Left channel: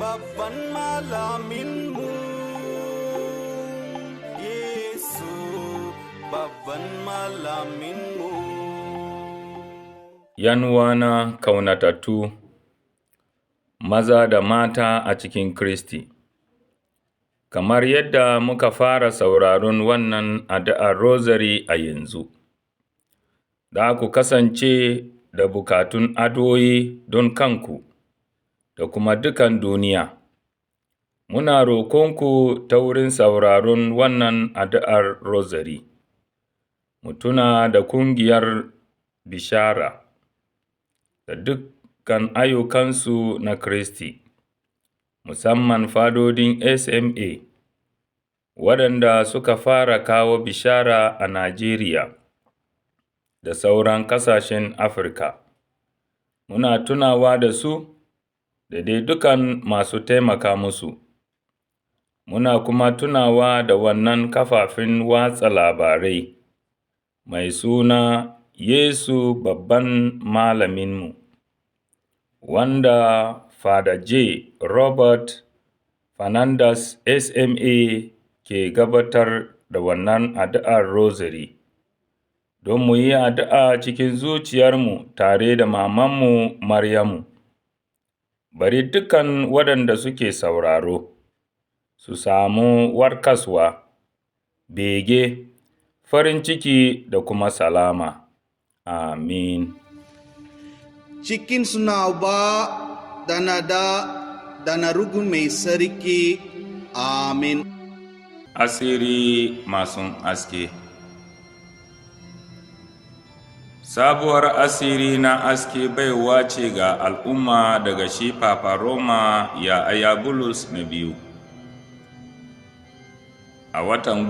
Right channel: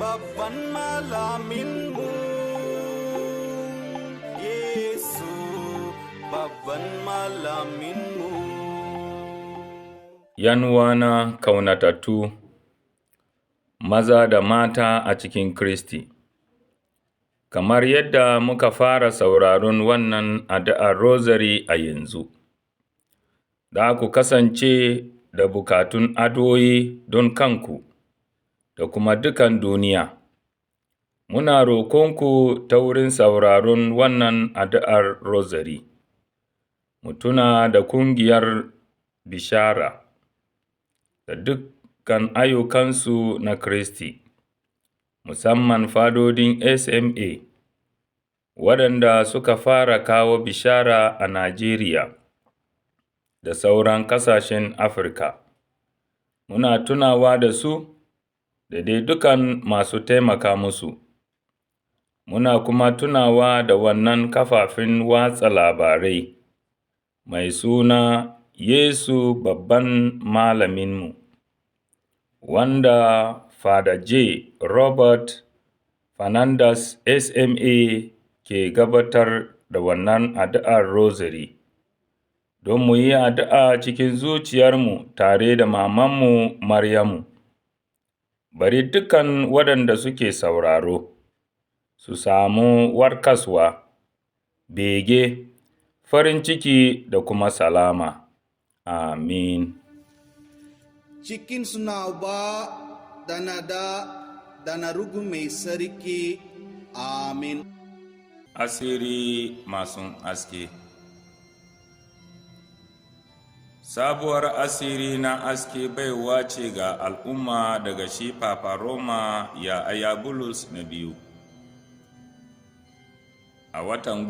babban malaminmu, Yesu babban malaminmu. Yanuwana kaunatattu, maza da mata a cikin Kiristi, kamar yadda muka fara sauraron wannan addu'ar Rosary a yanzu, za ku kasance da bukatun addu'o'i don kanku da kuma dukan duniya. Muna roƙonku ta wurin sauraron wannan addu'ar Rosary, mu tuna da ƙungiyar Bishara da dukkan ayyukansu na Kiristi, musamman fadodin SMA, waɗanda suka fara kawo bishara a Najeriya da sauran ƙasashen Afirka. Muna tunawa da su da dai dukan masu taimaka musu. Muna kuma tunawa da wannan kafafen watsa labarai mai suna Yesu babban malaminmu, wanda Father J. Robert Fernandez SMA ke gabatar da wannan addu'ar Rosary, don mu yi addu'a cikin zuciyarmu tare da mamanmu Maryamu. Bari dukan waɗanda suke sauraro su samu warkaswa, bege, farin ciki da kuma salama. Amin. Cikin suna Uba da na da na Ruhu Mai Sarki. Amin. Asiri masu aske. Sabuwar asiri na aske baiwa ce ga al'umma daga shi Papa Roma ya Ayabulus na biyu. A watan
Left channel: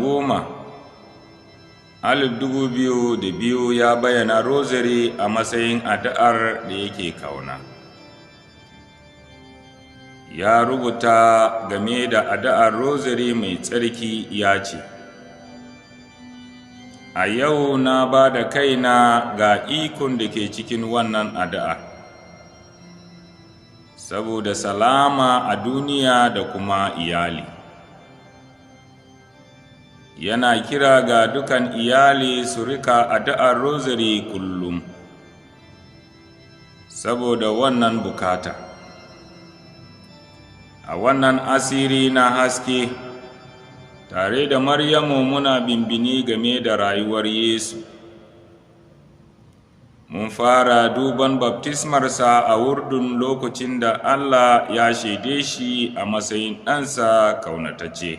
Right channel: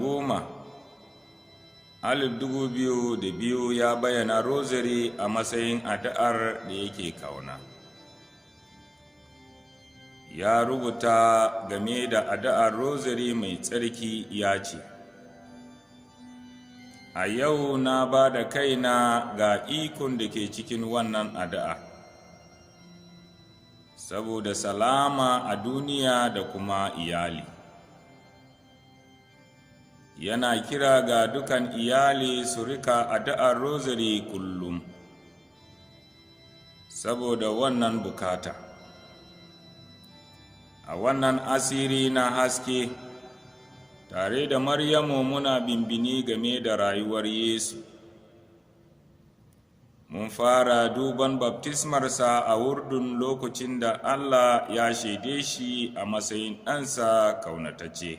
2002 ya bayyana Rosary a matsayin addu'ar da yake kauna. Ya rubuta game da addu'ar Rosary mai tsarki ya ce, a yau na ba da kaina ga ikon da ke cikin wannan addu'a, saboda salama a duniya da kuma iyali. Yana kira ga dukan iyali su rika addu'ar Rosary kullum, saboda wannan bukata. A wannan asiri na haske, tare da Maryamu muna bimbini game da rayuwar Yesu. Mun fara duban baftismarsa a Urdun lokacin da Allah ya shaide shi a matsayin ɗansa kaunatacce.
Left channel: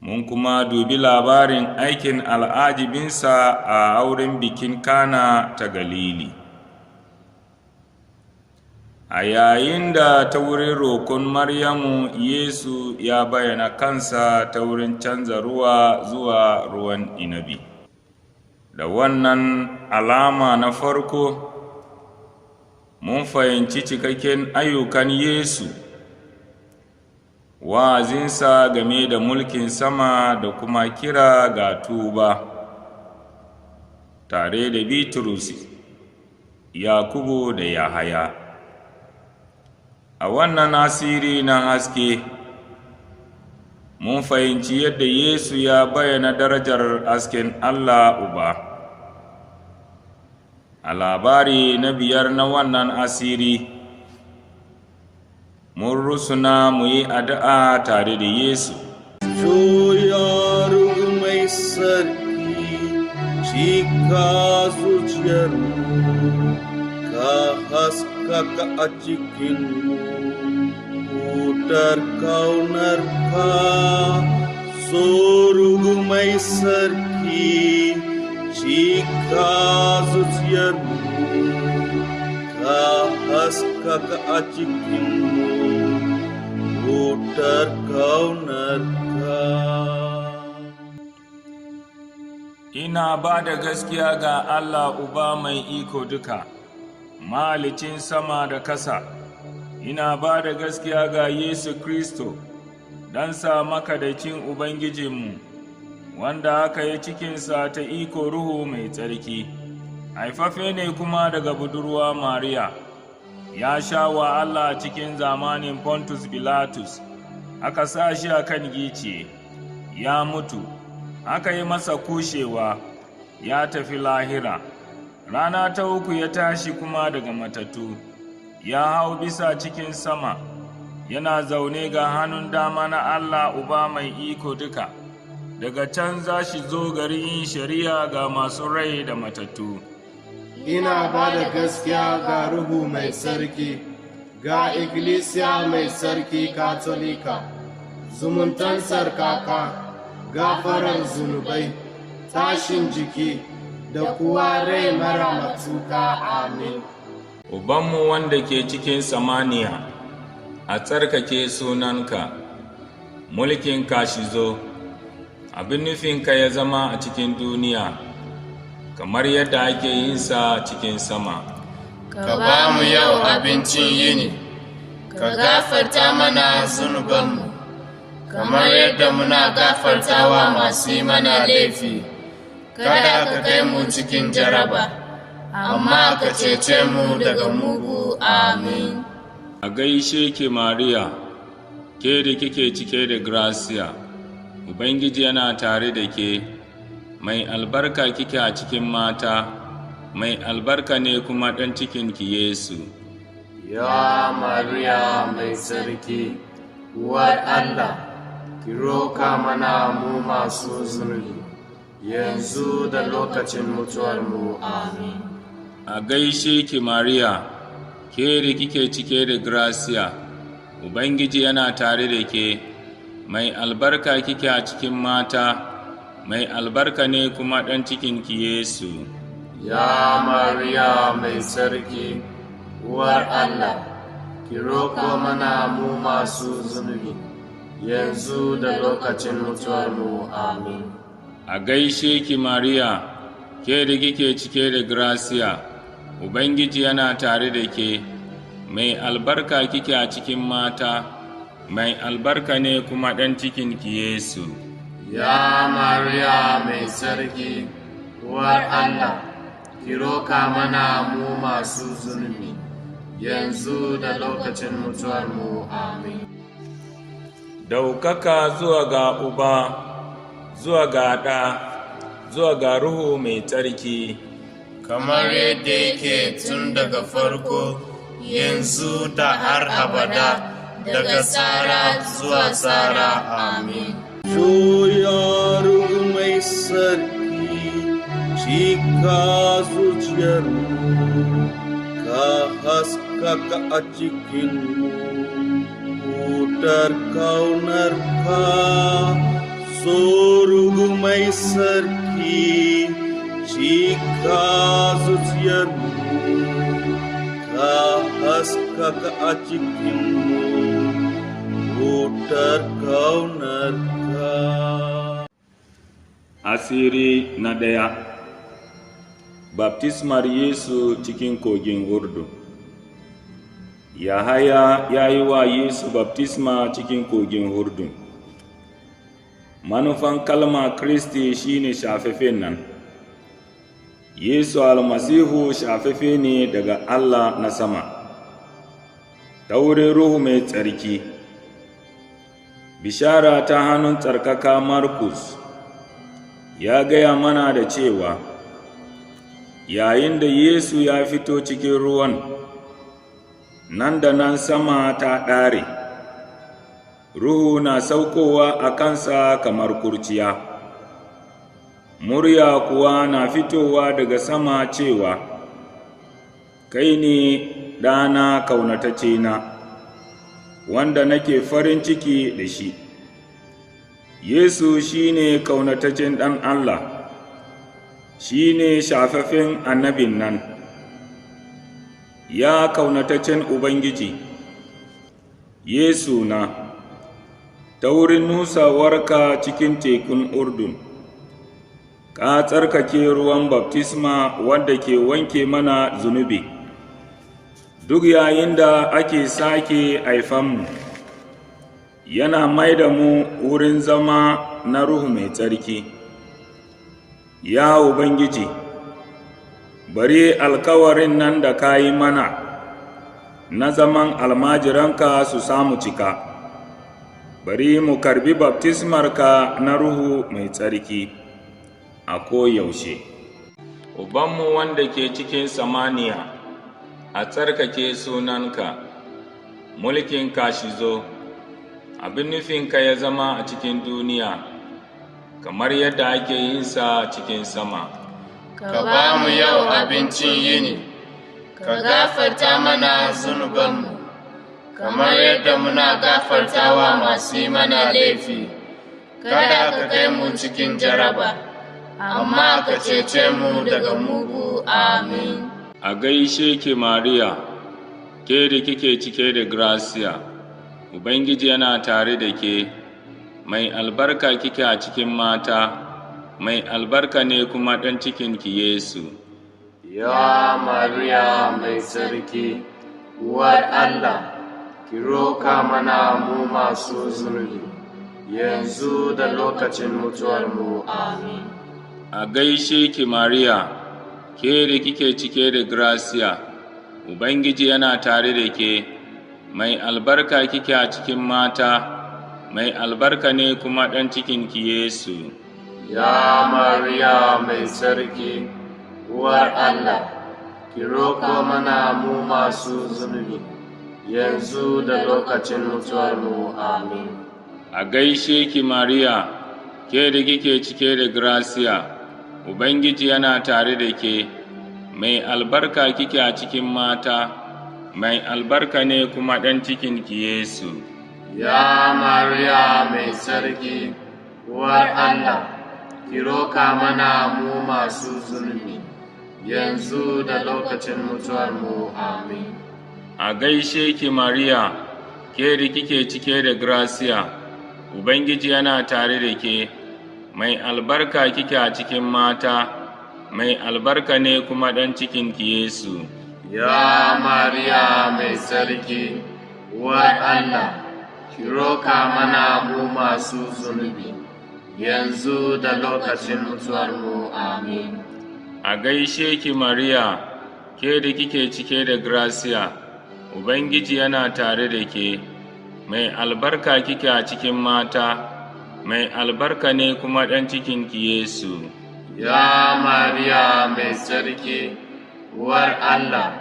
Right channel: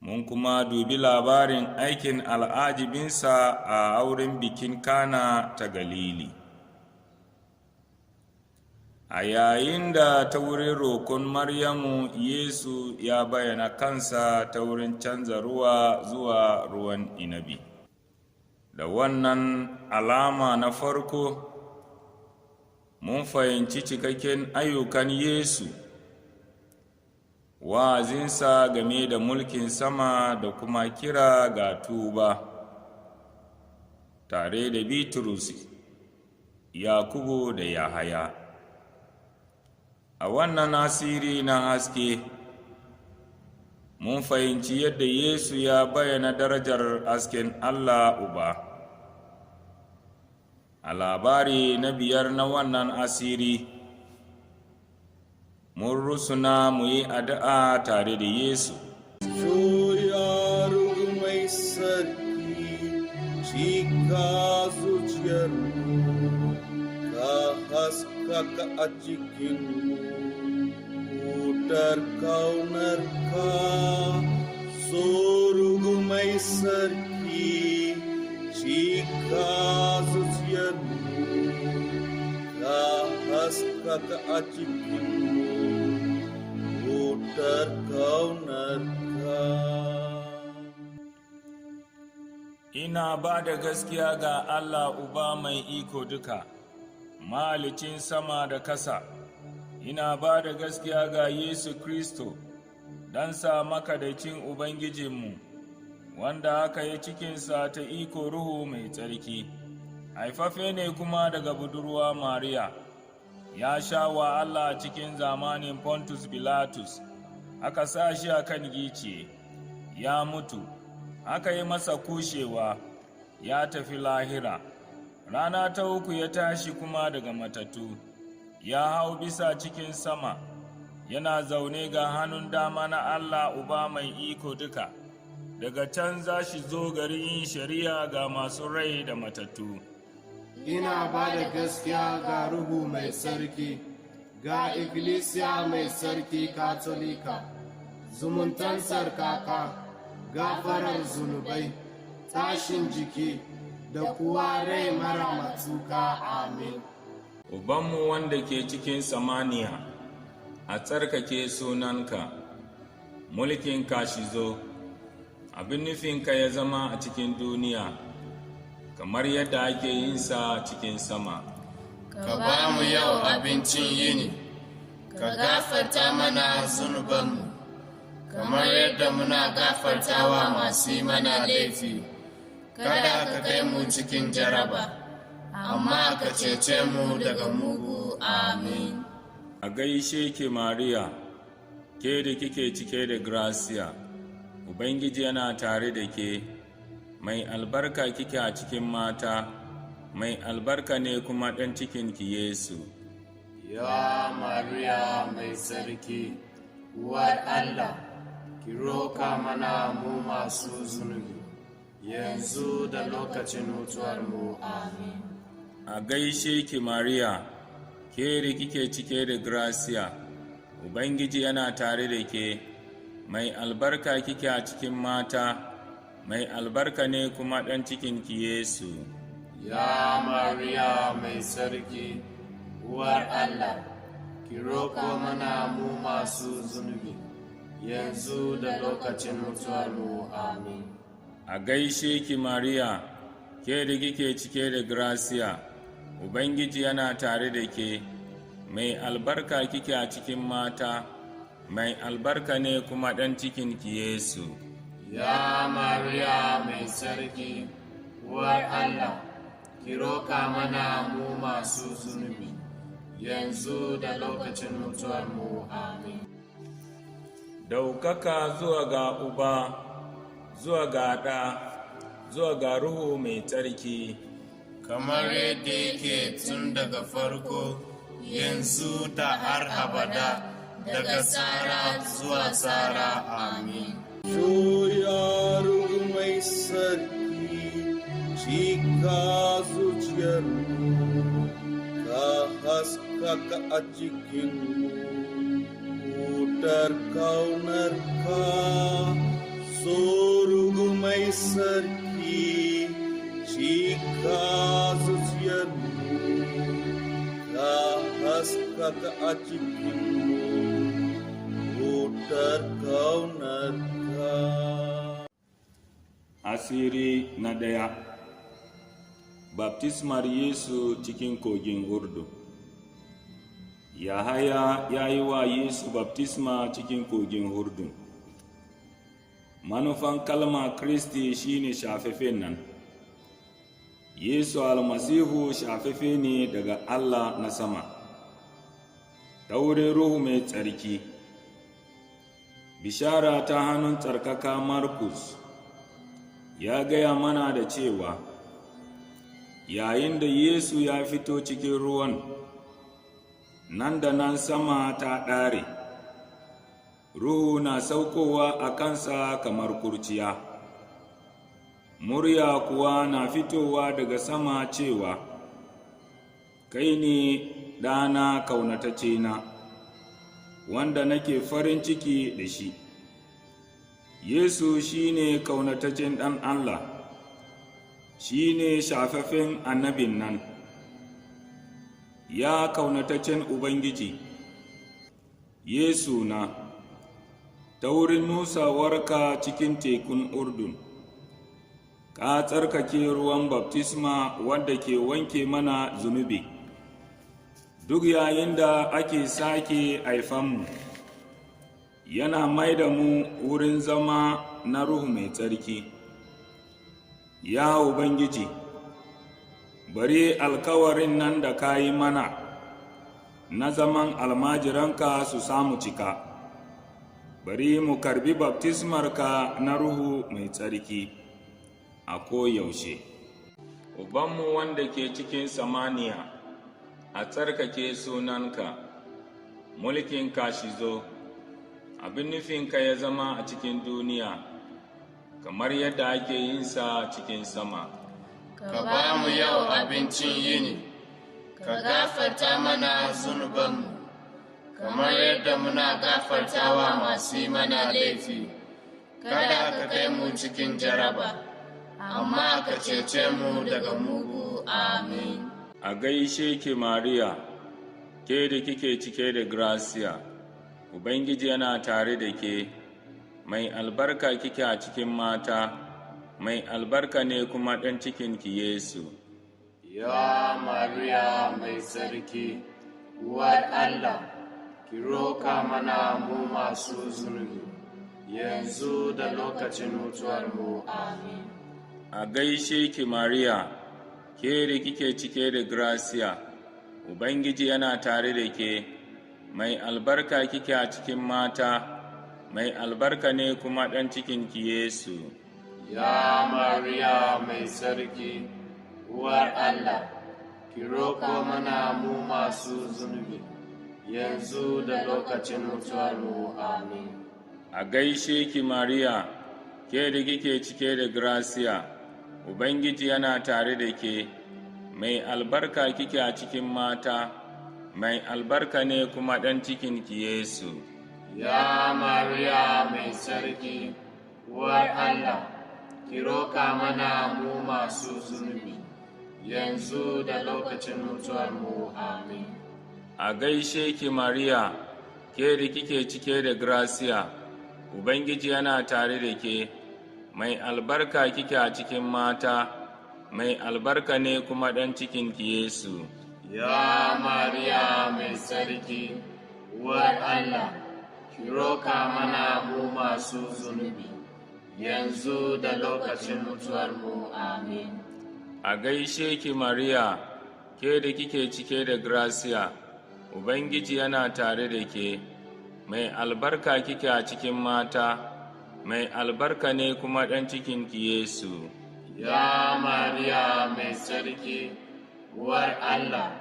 Mun kuma dubi labarin aikin al'ajibinsa a auren bikin Kana ta Galili. A yayin da ta wurin roƙon Maryamu, Yesu ya bayyana kansa ta wurin canza ruwa zuwa ruwan inabi. Da wannan alama na farko, mun fahimci cikakken ayyukan Yesu, wa'azinsa game da mulkin sama da kuma kira ga tuba, tare da Bitrus, Yakubu da Yahaya. A wannan asiri na haske, mun fahimci yadda Yesu ya bayyana darajar hasken Allah Uba. A labari na 5 na wannan asiri, mun rusuna mu yi addu'a tare da Yesu. Ya Ruhu Mai Sarki, cika zuciyarmu, ka haskaka a cikinmu, wutar kaunarka. So Ruhu Mai Sarki, cika zuciyarmu, ka haskaka a cikinmu, wutar kaunarka. Ina ba da gaskiya ga Allah Uba mai iko duka, mahalicin sama da ƙasa. Ina ba da gaskiya ga Yesu Kristo, ɗansa makaɗaicin Ubangijinmu, wanda aka yi cikinsa ta iko Ruhu Mai Tsarki, haifafe ne kuma daga budurwa Mariya. ya sha wahala cikin zamanin Pontus Pilatus, aka sa shi a kan gice, ya mutu, aka yi masa kushewa, ya tafi lahira. Rana ta uku ya tashi kuma daga matattu, ya hau bisa cikin sama, yana zaune ga hannun dama na Allah Uba mai iko duka. Daga can za shi zo gari yin shari'a ga masu rai da matattu. Ina ba da gaskiya ga Ruhu mai sarki, ga Ikkilisiya mai sarki Katolika, zumuntan sarkaka, gafarar zunubai, tashin jiki, da kuwa rai mara matuka. Amin. Ubanmu wanda ke cikin samaniya, a tsarkake sunanka, mulkinka shi zo, abin nufinka ya zama a cikin duniya, kamar yadda ake yin sa cikin sama. Ka ba mu yau abincin yini, ka gafarta mana zunubanmu, kamar yadda muna gafartawa masu yi mana laifi. Kada ka kai mu cikin jaraba, amma ka cece mu daga mugu. Amin. A gaishe ki Mariya, ke da kike cike da gracia, Ubangiji yana tare da ke, mai albarka kike a cikin mata, mai albarka ne kuma ɗan cikinki Yesu. Ya Mariya mai sarki, uwar Allah, ki roka mana mu masu zunubi, yanzu da lokacin mutuwarmu. Amin. A gaishe ki Mariya, ke da kike cike da gracia, Ubangiji yana tare da ke, mai albarka kike a cikin mata, mai albarka ne kuma ɗan cikinki Yesu. Ya Mariya mai sarki, uwar Allah, ki roko mana mu masu zunubi, yanzu da lokacin mutuwarmu. Amin. A gaishe ki Mariya, ke da kike cike da gracia, Ubangiji yana tare da ke, mai albarka kike a cikin mata, mai albarka ne kuma ɗan cikinki Yesu. Ya Mariya mai sarki, uwar Allah, ki roka mana mu masu zunubi, yanzu da lokacin mutuwarmu. Amin. Daukaka zuwa ga Uba, zuwa ga Ɗa, zuwa ga Ruhu mai tsarki, kamar yadda yake tun daga farko, yanzu da har abada, daga tsara zuwa tsara. Amin. Juya Ruhu mai sarki, cika zuciyarmu, ka haskaka a cikinmu, wutar kaunarka. So Ruhu mai sarki, cika zuciyarmu, ka haskaka a cikinmu, wutar kaunarka. Asiri na ɗaya. Baptismar Yesu cikin kogin Urdu. Yahaya ya yi wa Yesu baptisma cikin kogin Urdun. Manufan kalma Kristi shine shafafen nan. Yesu almasihu shafafe ne daga Allah na sama, ta wurin Ruhu mai tsarki. Bishara ta hannun tsarkaka Markus ya gaya mana da cewa, yayin da Yesu ya fito cikin ruwan, nan da nan sama ta ɗare, Ruhu na saukowa a kansa kamar kurciya. Murya kuwa na fitowa daga sama cewa, kai ne ɗana ƙaunataccena, wanda nake farin ciki da shi. Yesu shi ne ƙaunataccen ɗan Allah, shi ne shafaffen annabin nan. Ya ƙaunataccen Ubangiji, Yesu na, ta wurin nusawarka cikin tekun Urdun, ka tsarkake ruwan baftisma wanda ke wanke mana zunubi. Duk yayin da ake sake haifanmu, yana mai da mu wurin zama na Ruhu mai tsarki. Ya Ubangiji, bari alkawarin nan da ka yi mana, na zaman almajiranka su samu cika. Bari mu karbi baftismarka na Ruhu mai tsarki a koyaushe. Ubanmu wanda ke cikin samaniya, a tsarkake sunanka, mulkinka shi zo, abin nufinka ya zama a cikin duniya, kamar yadda ake yin sa cikin sama. Ka ba mu yau abincin yini, ka gafarta mana zunubanmu, kamar yadda muna gafartawa masu yi mana laifi, kada ka kai mu cikin jaraba, amma ka cece mu daga mugu. Amin. A gaishe ki Mariya, ke da kike cike da gracia, Ubangiji yana tare da ke, mai albarka kike a cikin mata, mai albarka ne kuma ɗan cikinki Yesu. Ya Mariya mai tsarki, uwar Allah, ki roka mana mu masu zunubi, yanzu da lokacin mutuwarmu. Amin. A gaishe ki Mariya, ke da kike cike da gracia, Ubangiji yana tare da ke, mai albarka kike a cikin mata, mai albarka ne kuma ɗan cikinki Yesu. Ya Mariya mai tsarki, uwar Allah, ki roko mana mu masu zunubi, yanzu da lokacin mutuwarmu. Amin. A gaishe ki Mariya, ke da kike cike da gracia, Ubangiji yana tare da ke, mai albarka kike a cikin mata, mai albarka ne kuma ɗan cikinki Yesu. Ya Mariya mai tsarki, uwar Allah, ki roka mana mu masu zunubi, yanzu da lokacin mutuwarmu. Amin. A gaishe ki Mariya, ke da kike cike da gracia, Ubangiji yana tare da ke, mai albarka kike a cikin mata, mai albarka ne kuma ɗan cikinki Yesu. Ya Mariya mai tsarki, uwar Allah, ki roka mana mu masu zunubi, yanzu da lokacin mutuwarmu. Amin. A gaishe ki Mariya, ke da kike cike da gracia, Ubangiji yana tare da ke, mai albarka kike a cikin mata, mai albarka ne kuma ɗan cikinki Yesu. Ya Mariya mai tsarki, uwar Allah,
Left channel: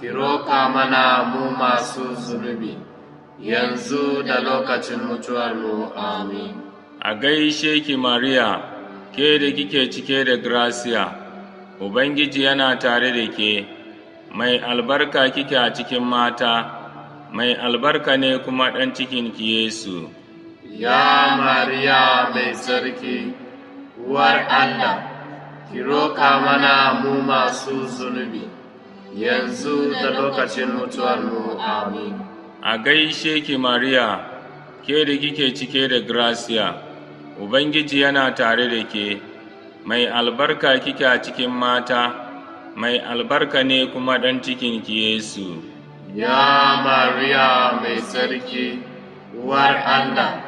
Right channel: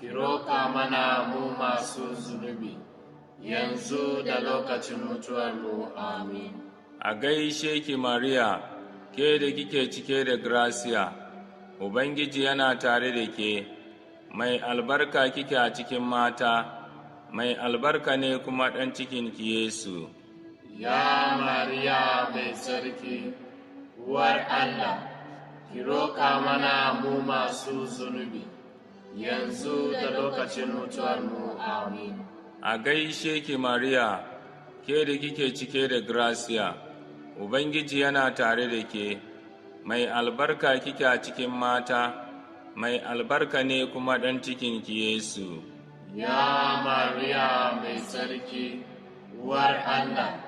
ki roka mana mu masu zunubi, yanzu da lokacin mutuwarmu. Amin. A gaishe ki Mariya, ke da kike cike da gracia, Ubangiji yana tare da ke, mai albarka kike a cikin mata, mai albarka ne kuma ɗan cikinki Yesu. Ya Mariya mai tsarki, uwar Allah, ki roka mana mu masu zunubi, yanzu da lokacin mutuwarmu. Amin. A gaishe ki Mariya, ke da kike cike da gracia, Ubangiji yana tare da ke, mai albarka kike a cikin mata, mai albarka ne kuma ɗan cikinki Yesu. Ya Mariya mai tsarki, uwar Allah,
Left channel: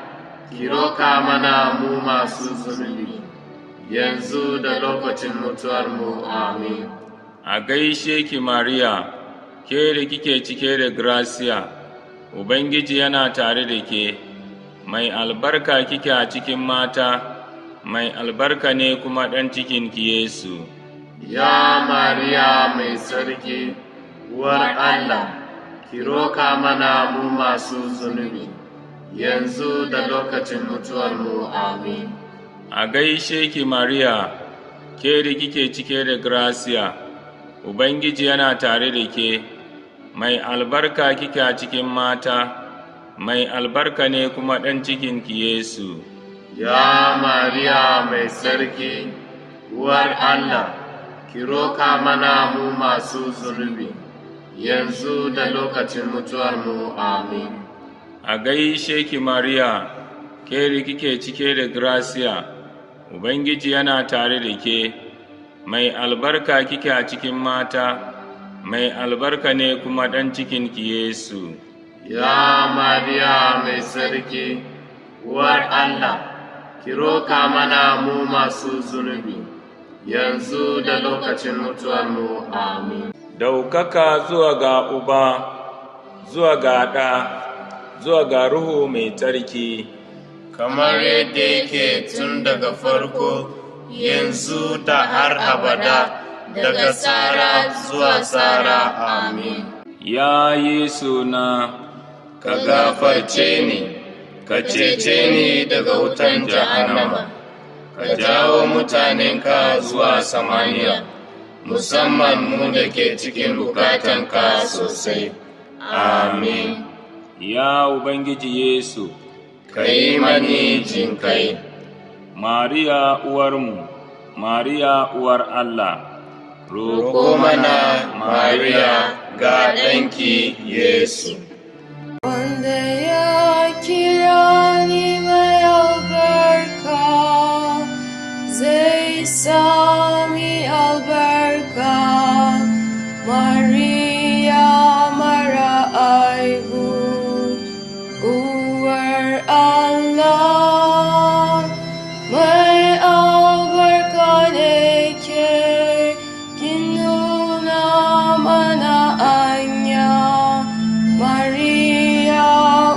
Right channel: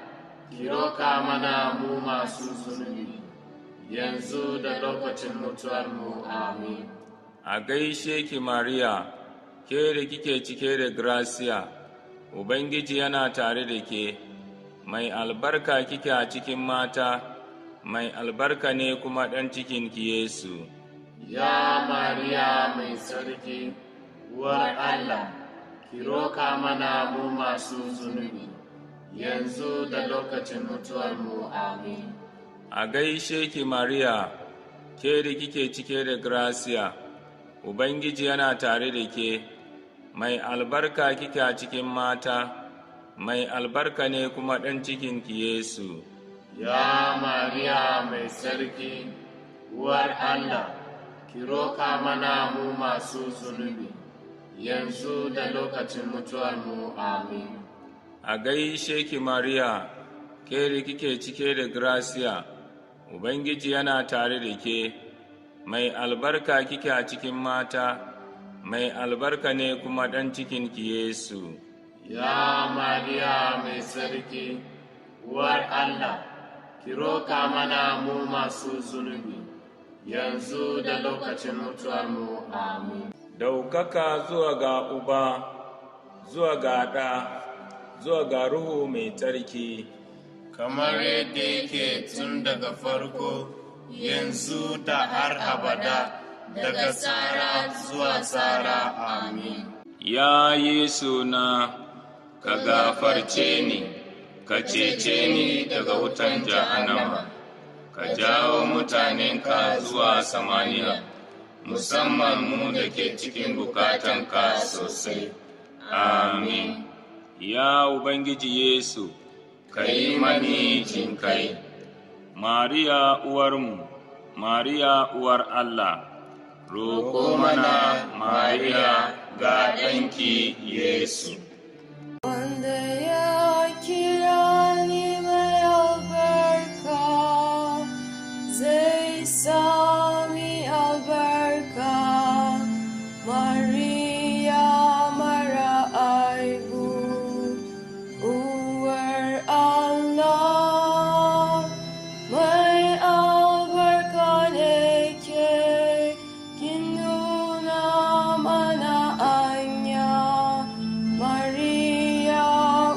ki roka mana mu masu zunubi, yanzu da lokacin mutuwarmu. Amin. A gaishe ki Mariya, ke da kike cike da gracia, Ubangiji yana tare da ke, mai albarka kike a cikin mata, mai albarka ne kuma ɗan cikinki Yesu. Ya Mariya mai tsarki, uwar Allah, ki roka mana mu masu zunubi, yanzu da lokacin mutuwarmu. Amin. A gaishe ki Mariya, ke da kike cike da gracia, Ubangiji yana tare da ke, mai albarka kike a cikin mata, mai albarka ne kuma ɗan cikinki Yesu. Ya Mariya mai tsarki, uwar Allah, ki roka mana mu masu zunubi, yanzu da lokacin mutuwarmu. Amin. A gaishe ki Mariya, ke da kike cike da gracia, Ubangiji yana tare da ke, mai albarka kike a cikin mata, mai albarka ne kuma ɗan cikinki Yesu. Ya Mariya mai tsarki, uwar Allah, ki roka mana mu masu zunubi, yanzu da lokacin mutuwarmu. Amin. Daukaka zuwa ga Uba zuwa ga Ɗa, zuwa ga Ruhu mai tsarki, kamar yadda yake tun daga farko, yanzu da har abada, daga tsara zuwa tsara. Amin. Ya Yesu na, Ka gafarce ni, ka cece ni daga wutan jahannama, ka jawo mutanenka zuwa samaniya, musamman mu da ke cikin bukatanka sosai. Amin. ya Ubangiji Yesu, Ka yi mani jinkai. Mariya uwarmu, Mariya uwar Allah, Roƙo mana, Mariya, ga ɗanki Yesu. Wanda ya kira ni mai albarka, zai sami albarka. Mariya mara aibu, uwar Allah, mai albarka ne ke, kin nuna mana anya. Mariya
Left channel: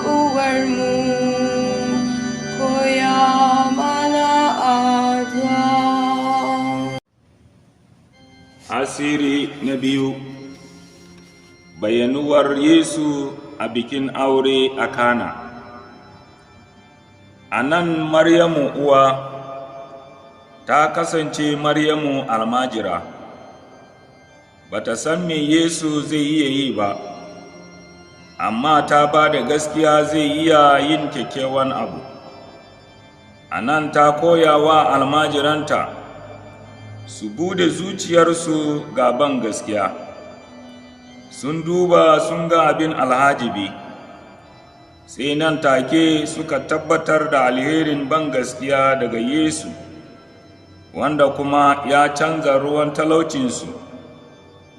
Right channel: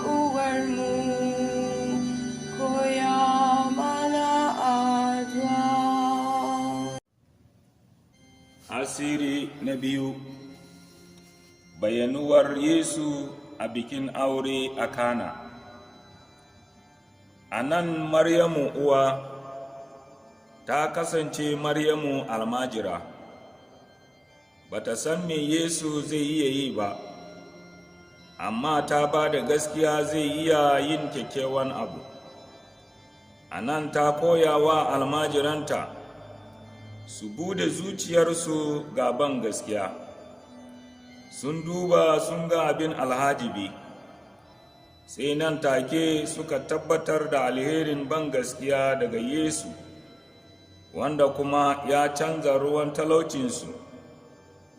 uwarmu, koya mana addu'a. Asiri na biyu, bayanuwar Yesu a bikin aure a Kana. A nan Maryamu uwa ta kasance Maryamu almajira, ba ta san me Yesu zai iya yi ba, amma ta ba da gaskiya zai iya yin kyakkyawan abu. A nan ta koya wa almajiranta su bude zuciyarsu ga ban gaskiya. Sun duba sun ga abin alhajibi, sai nan take suka tabbatar da alherin ban gaskiya daga Yesu, wanda kuma ya canza ruwan talaucinsu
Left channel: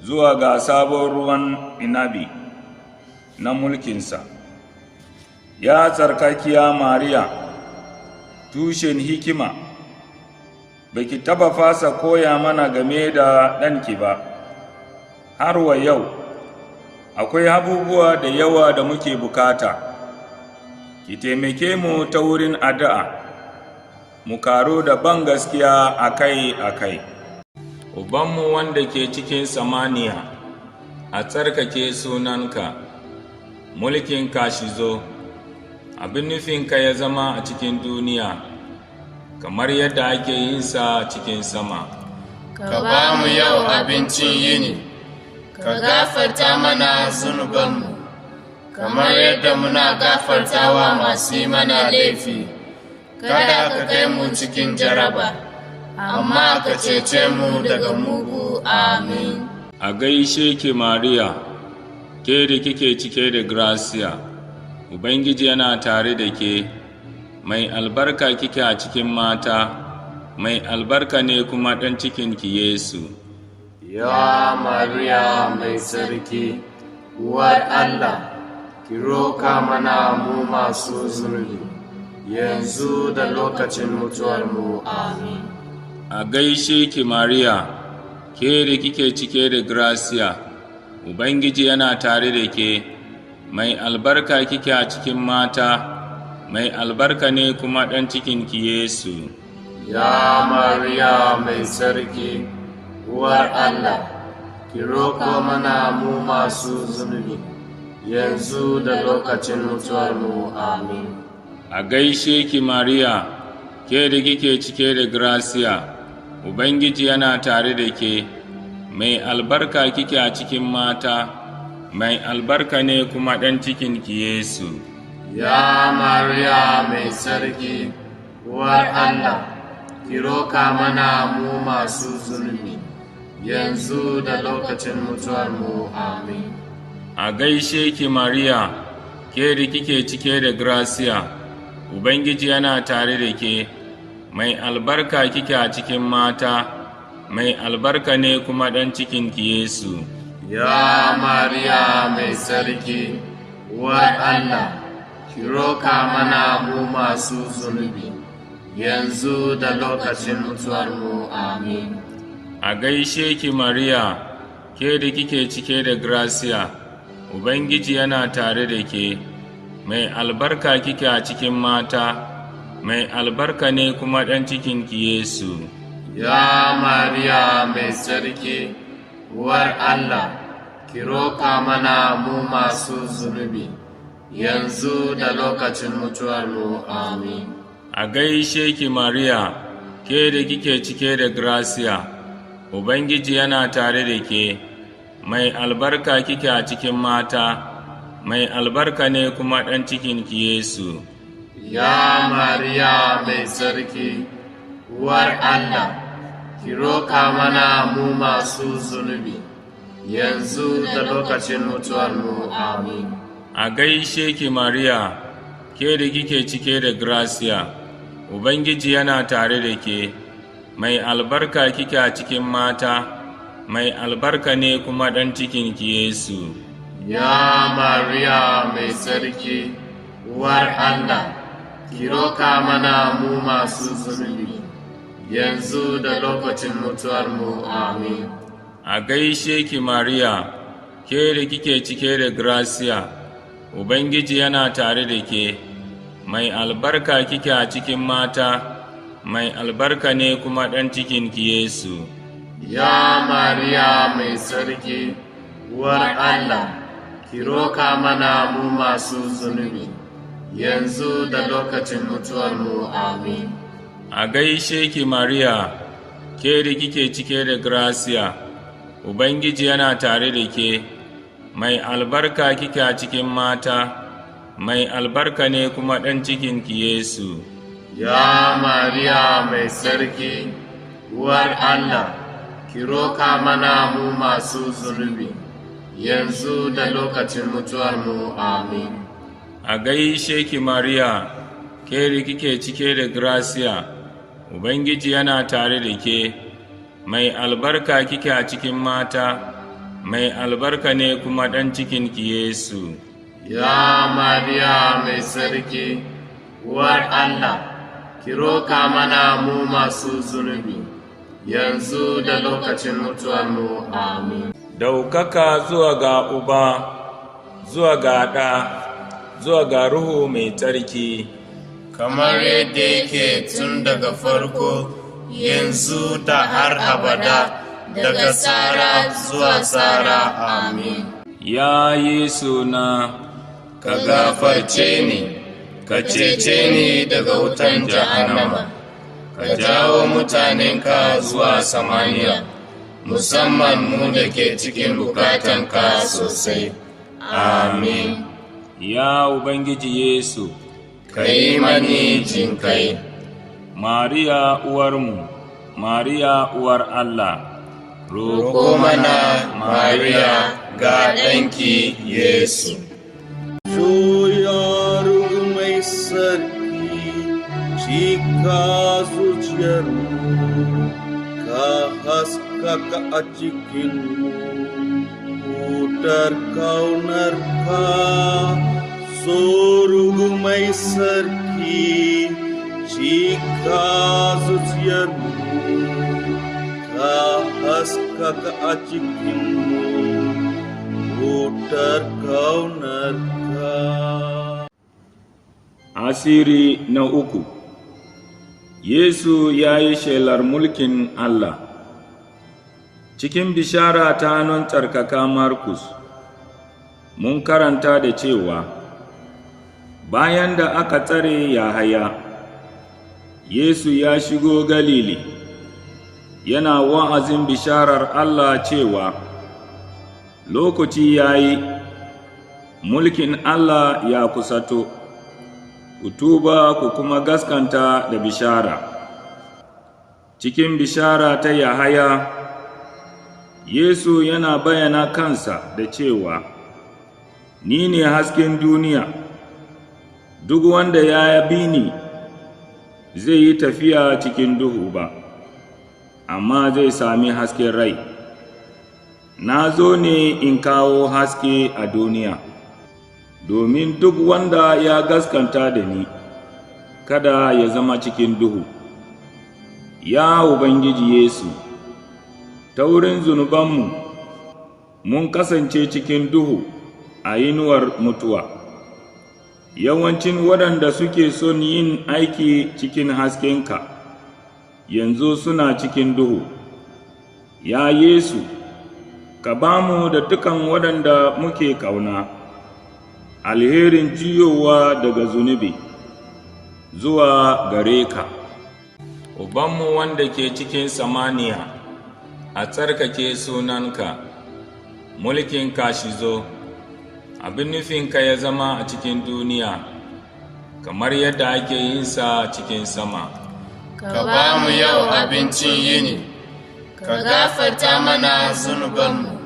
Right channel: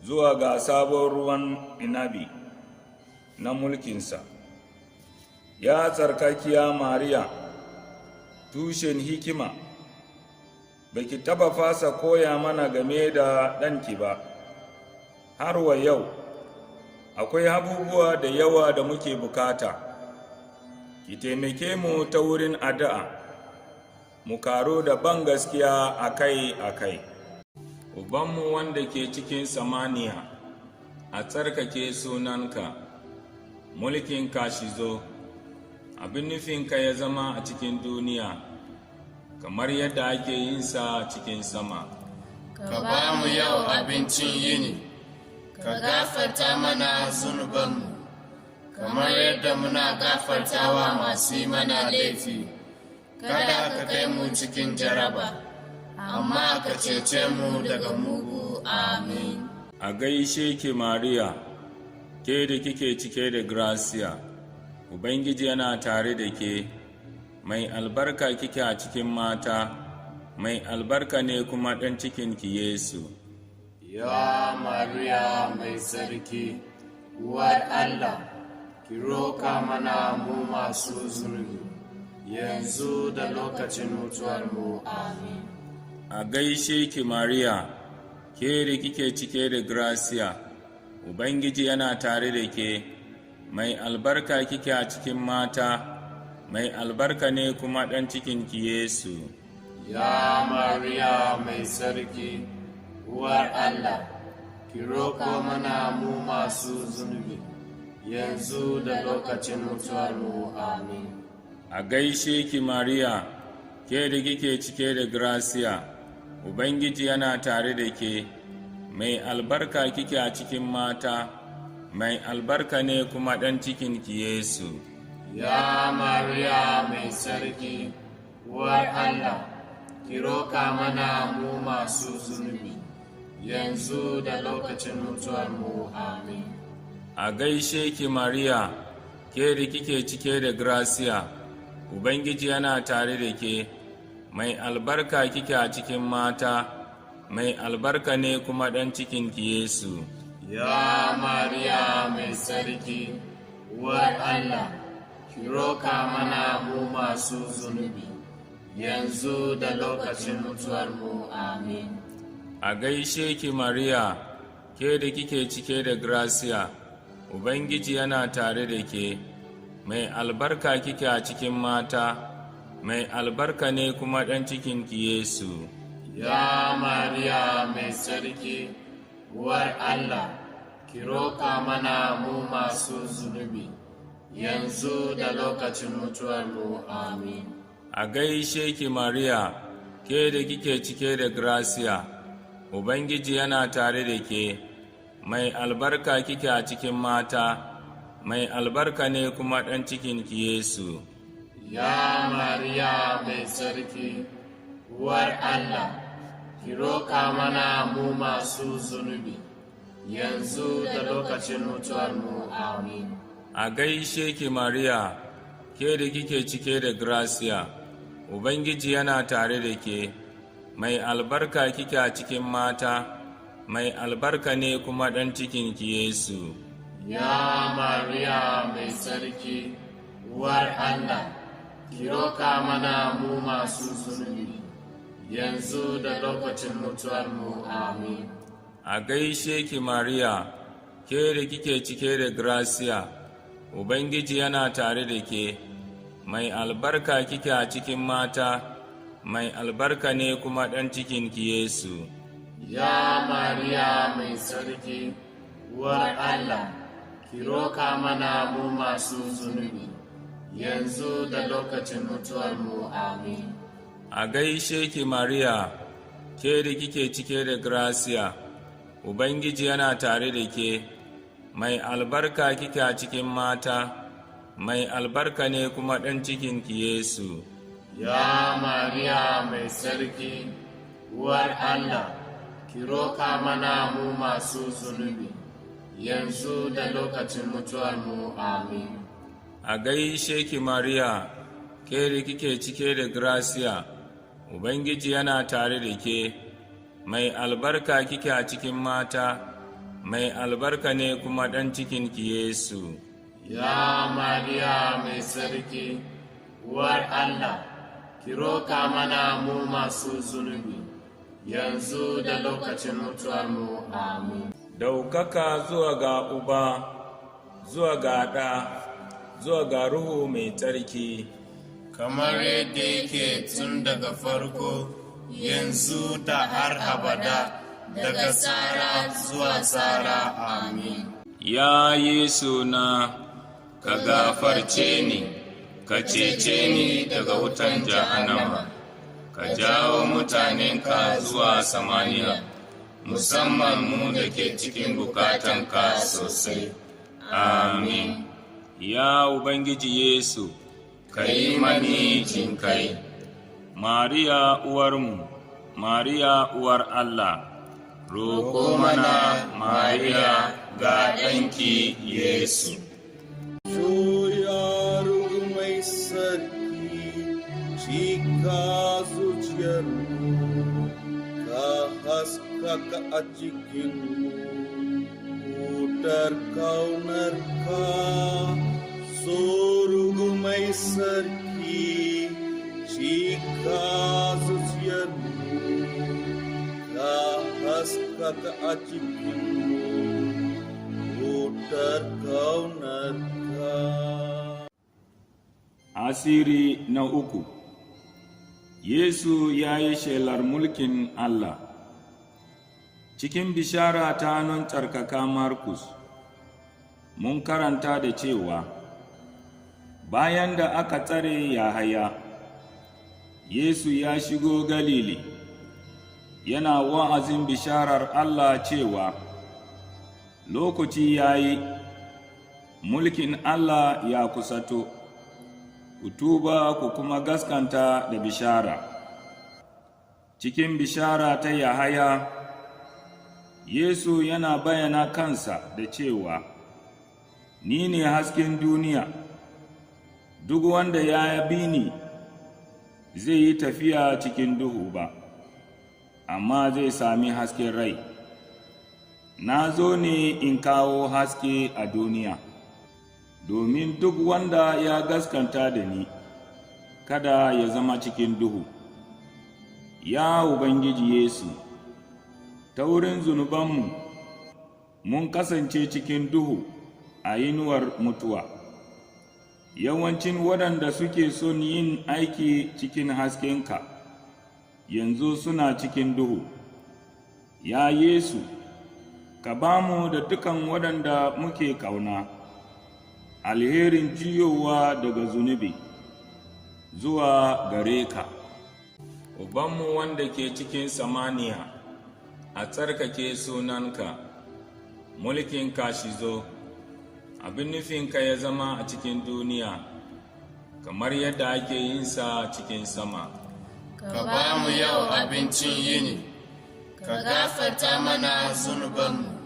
zuwa ga sabon ruwan inabi na mulkinsa. Ya tsarkakiya Mariya, tushen hikima, baki taba fasa koya mana game da ɗanki ba. Har wa yau, akwai abubuwa da yawa da muke bukata. Ki taimake mu ta wurin addu'a, mu karo da ban gaskiya akai-akai. Ubanmu wanda ke cikin samaniya, a tsarkake sunanka, mulkinka shi zo, abin nufinka ya zama a cikin duniya, kamar yadda ake yin sa cikin sama. Ka ba mu yau abincin yini, ka gafarta mana zunubanmu, kamar yadda muna gafartawa masu yi mana laifi. Kada ka kai mu cikin jaraba, amma ka cece mu daga mugu. Amin. A gaishe ki Mariya, ke da kike cike da gracia, Ubangiji yana tare da ke, mai albarka kike a cikin mata, mai albarka ne kuma ɗan cikinki Yesu. Ya Mariya mai sarki, uwar Allah, ki roka mana mu masu zunubi, yanzu da lokacin mutuwarmu. Amin. A gaishe ki Mariya, ke da kike cike da gracia, Ubangiji yana tare da ke, mai albarka kike a cikin mata, mai albarka ne kuma ɗan cikinki Yesu. Ya Mariya mai sarki, uwar Allah, ki roko mana mu masu zunubi, yanzu da lokacin mutuwarmu. Amin. A gaishe ki Mariya, ke da kike cike da gracia, Ubangiji yana tare da ke, mai albarka kike a cikin mata, mai albarka ne kuma ɗan cikinki Yesu. Ya Mariya mai sarki, uwar Allah, ki roka mana mu masu zunubi, yanzu da lokacin mutuwarmu. Amin. A gaishe ki Mariya, ke da kike cike da gracia, Ubangiji yana tare da ke, mai albarka kike a cikin mata, mai albarka ne kuma ɗan cikinki Yesu. Ya Mariya mai sarki, uwar Allah, ki roka mana mu masu zunubi, yanzu da lokacin mutuwarmu. Amin. A gaishe ki Mariya, ke da kike cike da gracia, Ubangiji yana tare da ke, mai albarka kike a cikin mata, mai albarka ne kuma ɗan cikinki Yesu. Ya Mariya mai tsarki, uwar Allah, ki roƙa mana mu masu zunubi, yanzu da lokacin mutuwarmu. Amin. A gaishe ki Mariya, ke da kike cike da gracia, Ubangiji yana tare da ke, mai albarka kike a cikin mata, mai albarka ne kuma ɗan cikinki Yesu. Ya Mariya mai tsarki, uwar Allah, ki roƙa mana mu masu zunubi, yanzu da lokacin mutuwarmu. Amin. A gaishe ki Mariya, ke da kike cike da gracia, Ubangiji yana tare da ke, mai albarka kike a cikin mata, mai albarka ne kuma ɗan cikinki Yesu. Ya Mariya mai tsarki, uwar Allah, ki roƙa mana mu masu zunubi, yanzu da lokacin mutuwarmu. Amin. A gaishe ki Mariya, ke da kike cike da gracia, Ubangiji yana tare da ke, mai albarka kike a cikin mata, mai albarka ne kuma ɗan cikinki Yesu. Ya Mariya mai tsarki, uwar Allah, ki roƙa mana mu masu zunubi, yanzu da lokacin mutuwarmu. Amin. A gaishe ki Mariya, ke da kike cike da gracia, Ubangiji yana tare da ke, mai albarka kike a cikin mata, mai albarka ne kuma ɗan cikinki Yesu. Ya Mariya mai tsarki, uwar Allah, ki roƙa mana mu masu zunubi, yanzu da lokacin mutuwarmu. Amin. A gaishe ki Mariya, ke da kike cike da gracia, Ubangiji yana tare da ke, mai albarka kike a cikin mata, mai albarka ne kuma ɗan cikinki Yesu. Ya Mariya mai tsarki, uwar Allah, ki roƙa mana mu masu zunubi, yanzu da lokacin mutuwarmu. Amin. Daukaka zuwa ga Uba, zuwa ga Ɗa, zuwa ga Ruhu mai tsarki, kamar yadda yake tun daga farko, yanzu da har abada, daga tsara zuwa tsara. Amin. Ya Yesu na, Ka gafarce ni, ka cece ni daga wutan jahannama, ka jawo mutanenka zuwa samaniya, musamman mu da ke cikin bukatanka sosai. Amin. ya Ubangiji Yesu, Ka yi mani jinkai. Mariya uwarmu, Mariya uwar Allah, Roƙo mana Mariya ga ɗanki Yesu. Soyargu mai sarki, cika zuciyarmu, ka haskaka a cikinmu, wutar kaunarka. Sorugu mai sarki, cika zuciyarmu, ka haskaka a cikinmu, wutar kaunarka. Asiri na uku. Yesu ya yi shelar mulkin Allah. Cikin bishara ta hannun tsarkaka Markus, mun karanta da cewa, bayan da aka tsare Yahaya, Yesu ya shigo Galili, yana wa'azin bisharar Allah cewa, lokaci ya yi, mulkin Allah ya kusato, ku tuba ku kuma gaskanta da bishara. Cikin bishara ta Yahaya, Yesu yana bayyana kansa da cewa, ni ne hasken duniya, duk wanda ya bi ni zai yi tafiya cikin duhu ba, amma zai sami hasken rai. Na zo ne in kawo haske a duniya, domin duk wanda ya gaskanta da ni, kada ya zama cikin duhu. Ya Ubangiji Yesu, ta wurin zunubanmu mun kasance cikin duhu, a inuwar mutuwa. Yawancin waɗanda suke son yin aiki cikin haskenka yanzu suna cikin duhu. Ya Yesu, ka ba mu da dukan waɗanda muke ƙauna alherin juyowa daga zunubi zuwa gare ka. Ubanmu wanda ke cikin samaniya, a tsarkake sunanka, mulkinka shi zo, abin nufinka ya zama a cikin duniya, kamar yadda ake yin sa cikin sama. Ka ba mu yau abincin yini, ka gafarta mana zunubanmu,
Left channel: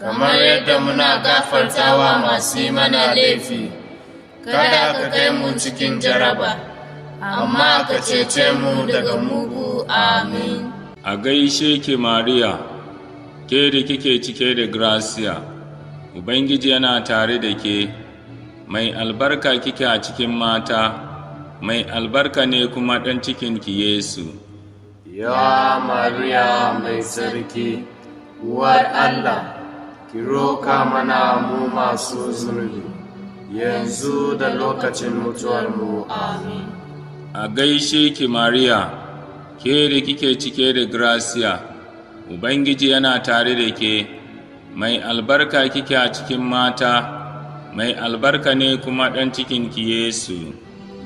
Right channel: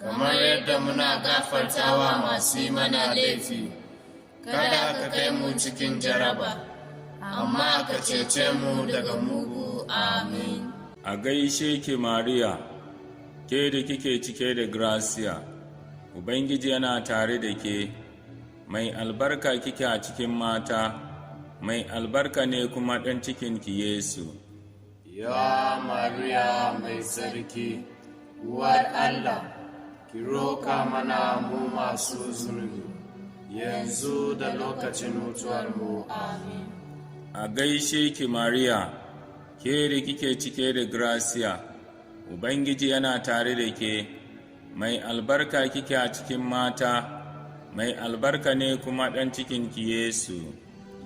kamar yadda muna gafartawa masu yi mana laifi. Kada ka kai mu cikin jaraba, amma ka cece mu daga mugu. Amin. A gaishe ki Mariya, ke da kike cike da gracia, Ubangiji yana tare da ke, mai albarka kike a cikin mata, mai albarka ne kuma ɗan cikinki Yesu. Ya Mariya mai tsarki, uwar Allah, ki roka mana mu masu zunubi, yanzu da lokacin mutuwarmu. Amin. A gaishe ki Mariya, ke da kike cike da gracia, Ubangiji yana tare da ke, mai albarka kike a cikin mata, mai albarka ne kuma ɗan cikinki Yesu.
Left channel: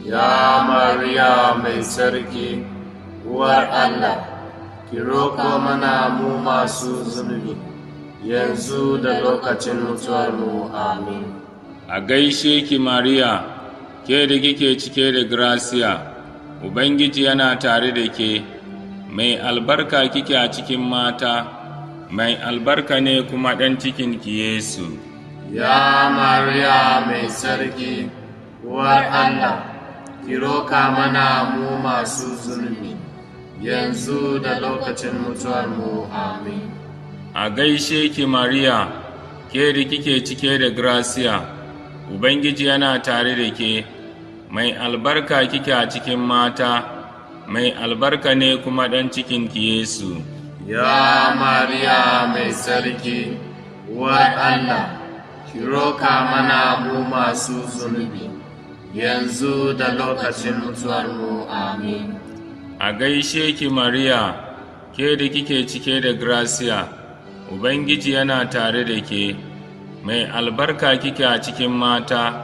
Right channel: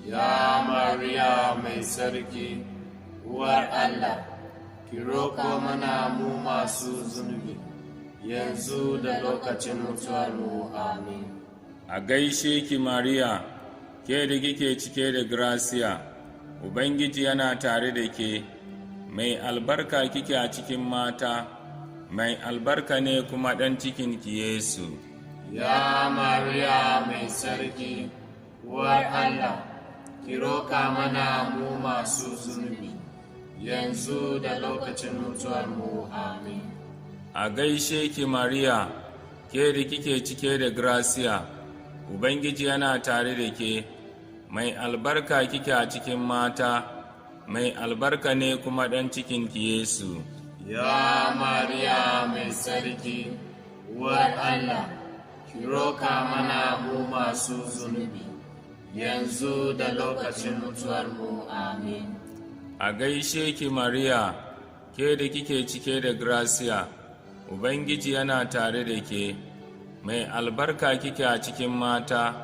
Ya Mariya mai tsarki, uwar Allah, ki roko mana mu masu zunubi, yanzu da lokacin mutuwarmu. Amin. A gaishe ki Mariya, ke da kike cike da gracia, Ubangiji yana tare da ke, mai albarka kike a cikin mata, mai albarka ne kuma ɗan cikinki Yesu. Ya Mariya mai tsarki, uwar Allah, ki roka mana mu masu zunubi, yanzu da lokacin mutuwarmu. Amin. A gaishe ki Mariya, ke da kike cike da gracia, Ubangiji yana tare da ke, mai albarka kike a cikin mata, mai albarka ne kuma ɗan cikinki Yesu. Ya Mariya mai tsarki, uwar Allah, ki roka mana mu masu zunubi, yanzu da lokacin mutuwarmu. Amin. A gaishe ki Mariya, ke da kike cike da gracia, Ubangiji yana tare da ke, mai albarka kike a cikin mata,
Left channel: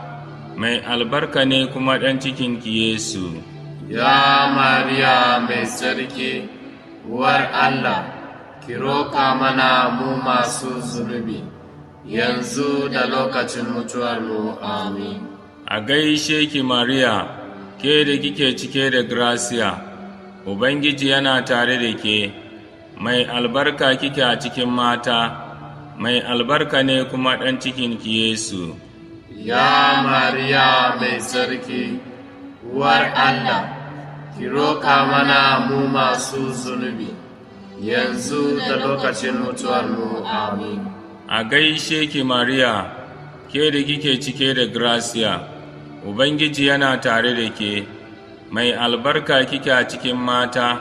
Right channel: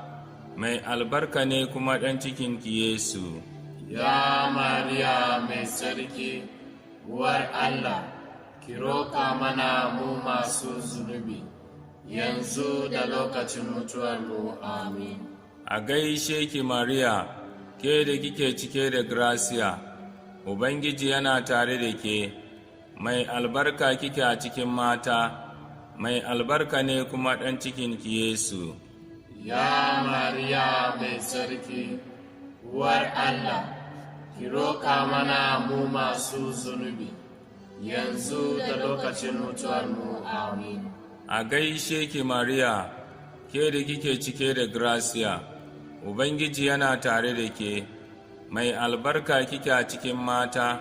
mai albarka ne kuma ɗan cikinki Yesu. Ya Mariya mai tsarki, uwar Allah, ki roka mana mu masu zunubi, yanzu da lokacin mutuwarmu. Amin. A gaishe ki Mariya, ke da kike cike da gracia, Ubangiji yana tare da ke, mai albarka kike a cikin mata, mai albarka ne kuma ɗan cikinki Yesu. Ya Mariya mai tsarki, uwar Allah, ki roka mana mu masu zunubi, yanzu da lokacin mutuwarmu. Amin. A gaishe ki Mariya, ke da kike cike da gracia, Ubangiji yana tare da ke, mai albarka kike a cikin mata,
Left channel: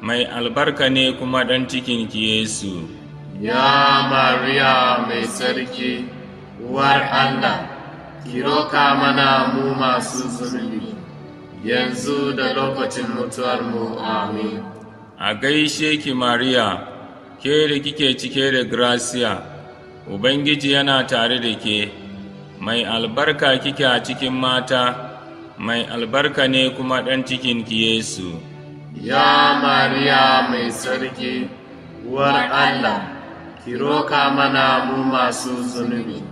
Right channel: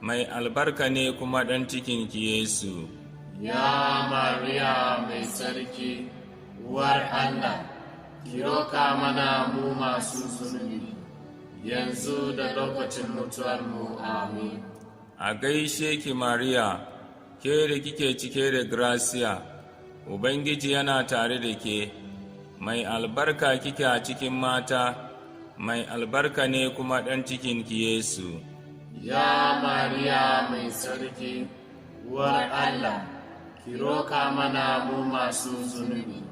mai albarka ne kuma ɗan cikinki Yesu. Ya Mariya mai tsarki, uwar Allah, ki roka mana mu masu zunubi, yanzu da lokacin mutuwarmu. Amin. A gaishe ki Mariya, ke da kike cike da gracia, Ubangiji yana tare da ke, mai albarka kike a cikin mata, mai albarka ne kuma ɗan cikinki Yesu. Ya Mariya mai tsarki, uwar Allah, ki roka mana mu masu zunubi,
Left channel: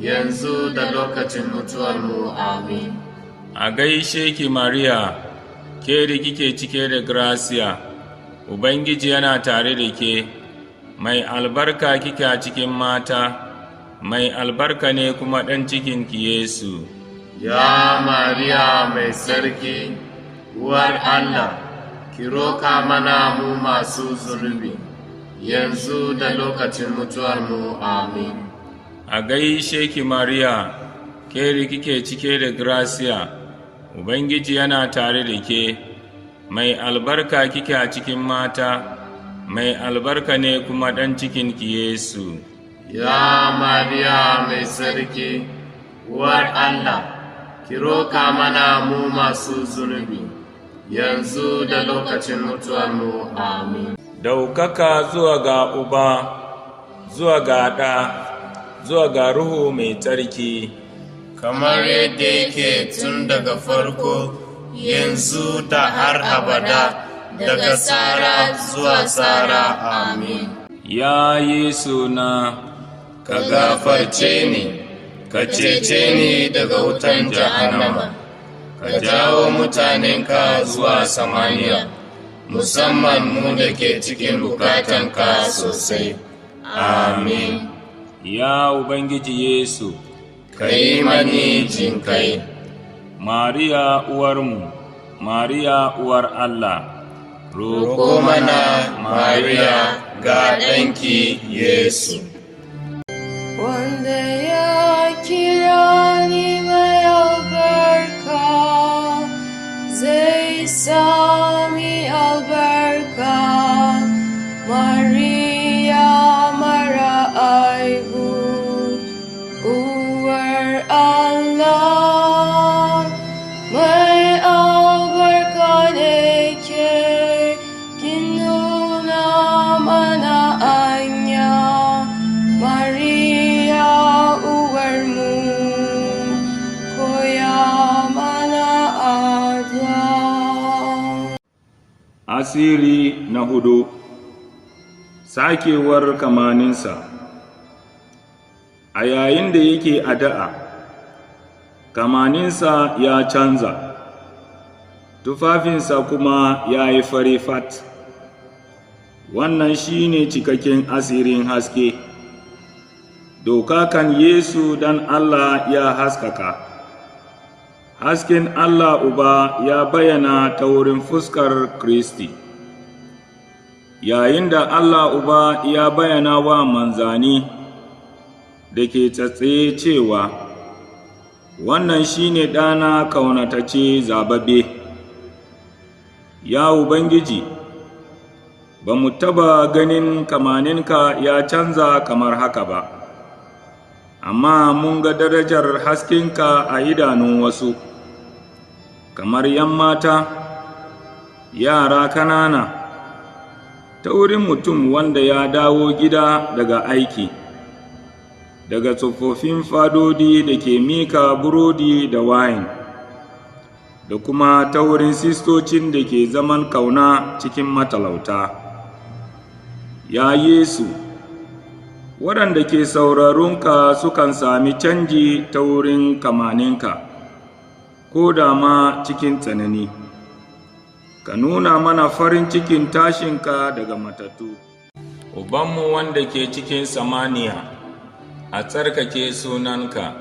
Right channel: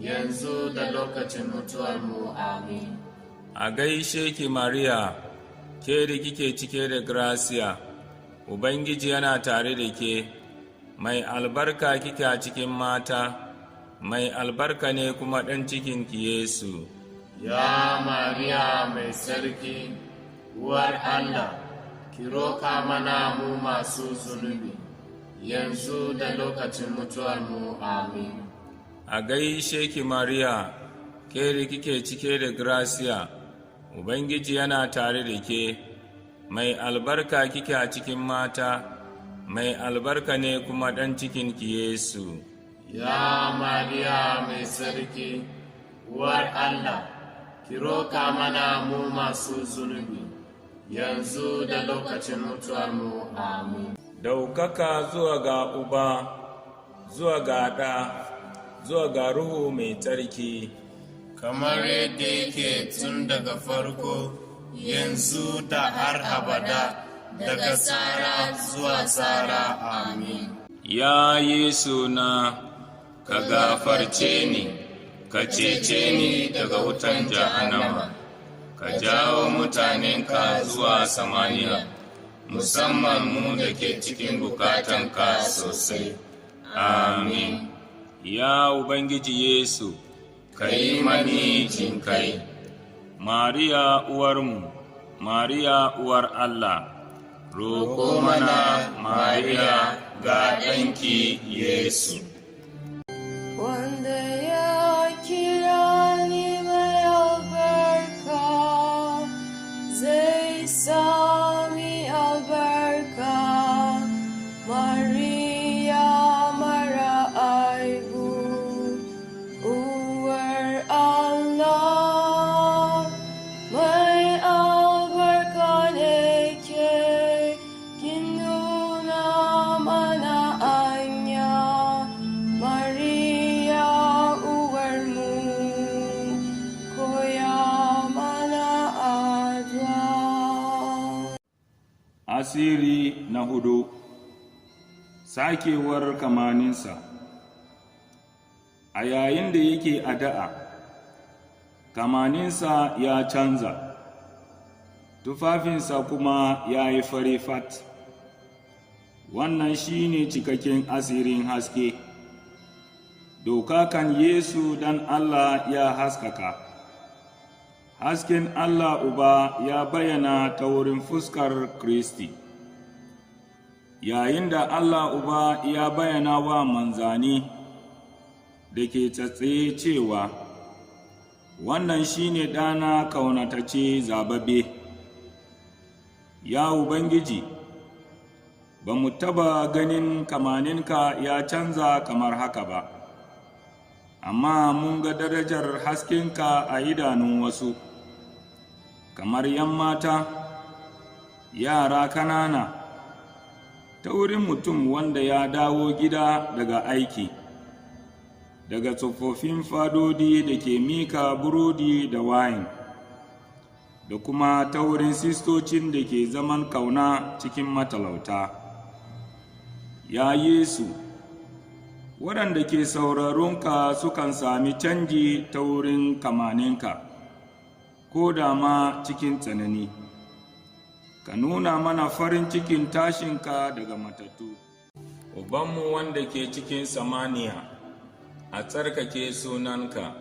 yanzu da lokacin mutuwarmu. Amin. A gaishe ki Mariya, ke da kike cike da gracia, Ubangiji yana tare da ke, mai albarka kike a cikin mata, mai albarka ne kuma ɗan cikinki Yesu. Ya Mariya mai tsarki, uwar Allah, ki roka mana mu masu zunubi, yanzu da lokacin mutuwarmu. Amin. A gaishe ki Mariya, ke da kike cike da gracia, Ubangiji yana tare da ke, mai albarka kike a cikin mata, mai albarka ne kuma ɗan cikinki Yesu. Ya Mariya mai tsarki, uwar Allah, ki roka mana mu masu zunubi, yanzu da lokacin mutuwarmu. Amin. Daukaka zuwa ga Uba, zuwa ga Ɗa, zuwa ga Ruhu mai tsarki, kamar yadda yake tun daga farko, yanzu da har abada, daga tsara zuwa tsara. Amin. ya Yesu na, Ka gafarce ni, ka cece ni daga wutan jahannama, ka jawo mutanenka zuwa samaniya, musamman mu da ke cikin bukatanka sosai. Amin. ya Ubangiji Yesu, Ka yi mani jinkai. Mariya uwarmu, Mariya uwar Allah, Roko mana Mariya ga ɗanki Yesu. Wanda ya kira ni mai albarka, zai sami albarka. Maria mara aibu, uwar Allah, mai albarka ne ke, kin nuna mana anya. Maria uwarmu, koya mana addu'a. asiri na hudu, sakewar kamaninsa. A yayin da yake addu'a, kamaninsa ya canza, tufafinsa kuma ya yi fari fat. Wannan shi ne cikakken asirin haske. Dokakan Yesu dan Allah ya haskaka. Hasken Allah Uba ya bayyana ta wurin fuskar Kristi. Yayin da Allah Uba ya bayyana wa manzani da ke tsatsaye cewa, wannan shi ne ɗana kaunatace zababbe. Ya Ubangiji, ba mu taba ganin kamaninka ya canza kamar haka ba, amma mun ga darajar haskenka a idanun wasu, kamar ‘yan mata, yara kanana, ta wurin mutum wanda ya dawo gida daga aiki, daga tsofaffin fadodi da ke mika burodi da wayin, da kuma ta wurin sistocin da ke zaman kauna cikin matalauta. Ya Yesu, waɗanda ke sauraronka sukan sami canji ta wurin kamaninka, ko da ma cikin tsanani. Ka nuna mana farin cikin tashinka daga matattu. Ubanmu wanda ke cikin samaniya, a tsarkake sunanka,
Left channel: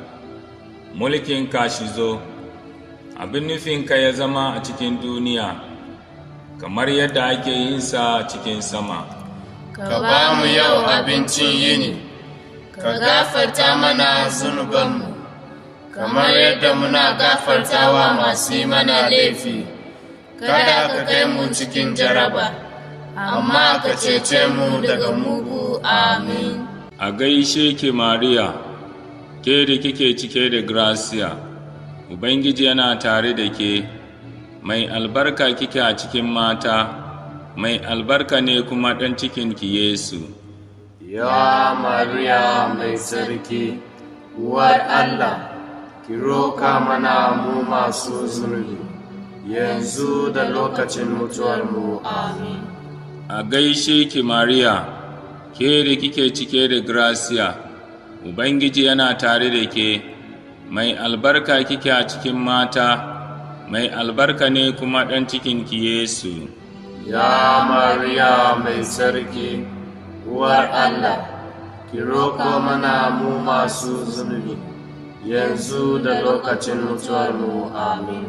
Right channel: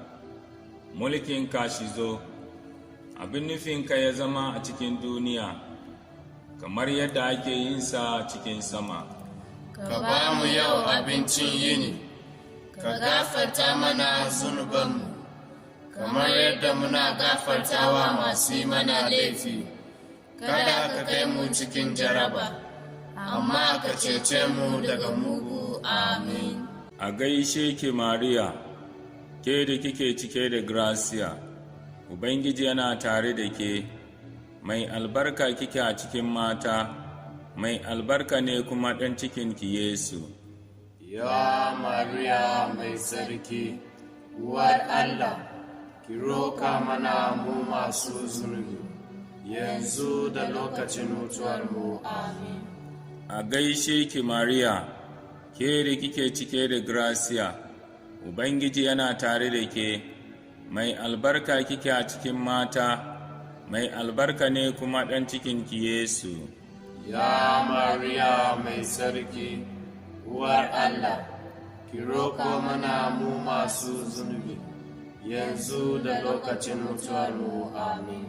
mulkinka shi zo, abin nufinka ya zama a cikin duniya, kamar yadda ake yinsa cikin sama. Ka ba mu yau abincin yini, ka gafarta mana zunubanmu, kamar yadda muna gafartawa masu yi mana laifi. Kada ka kai mu cikin jaraba, amma ka cece mu daga mugu. Amin. A gaishe ki Mariya, ke da kike cike da gracia, Ubangiji yana tare da ke, mai albarka kike a cikin mata, mai albarka ne kuma ɗan cikinki Yesu. Ya Mariya mai tsarki, uwar Allah, ki roka mana mu masu zunubi, yanzu da lokacin mutuwarmu. Amin. A gaishe ki Mariya, ke da kike cike da gracia, Ubangiji yana tare da ke, mai albarka kike a cikin mata, mai albarka ne kuma ɗan cikinki Yesu. Ya Mariya mai tsarki, uwar Allah, ki roƙo mana mu masu zunubi, yanzu da lokacin mutuwarmu. Amin.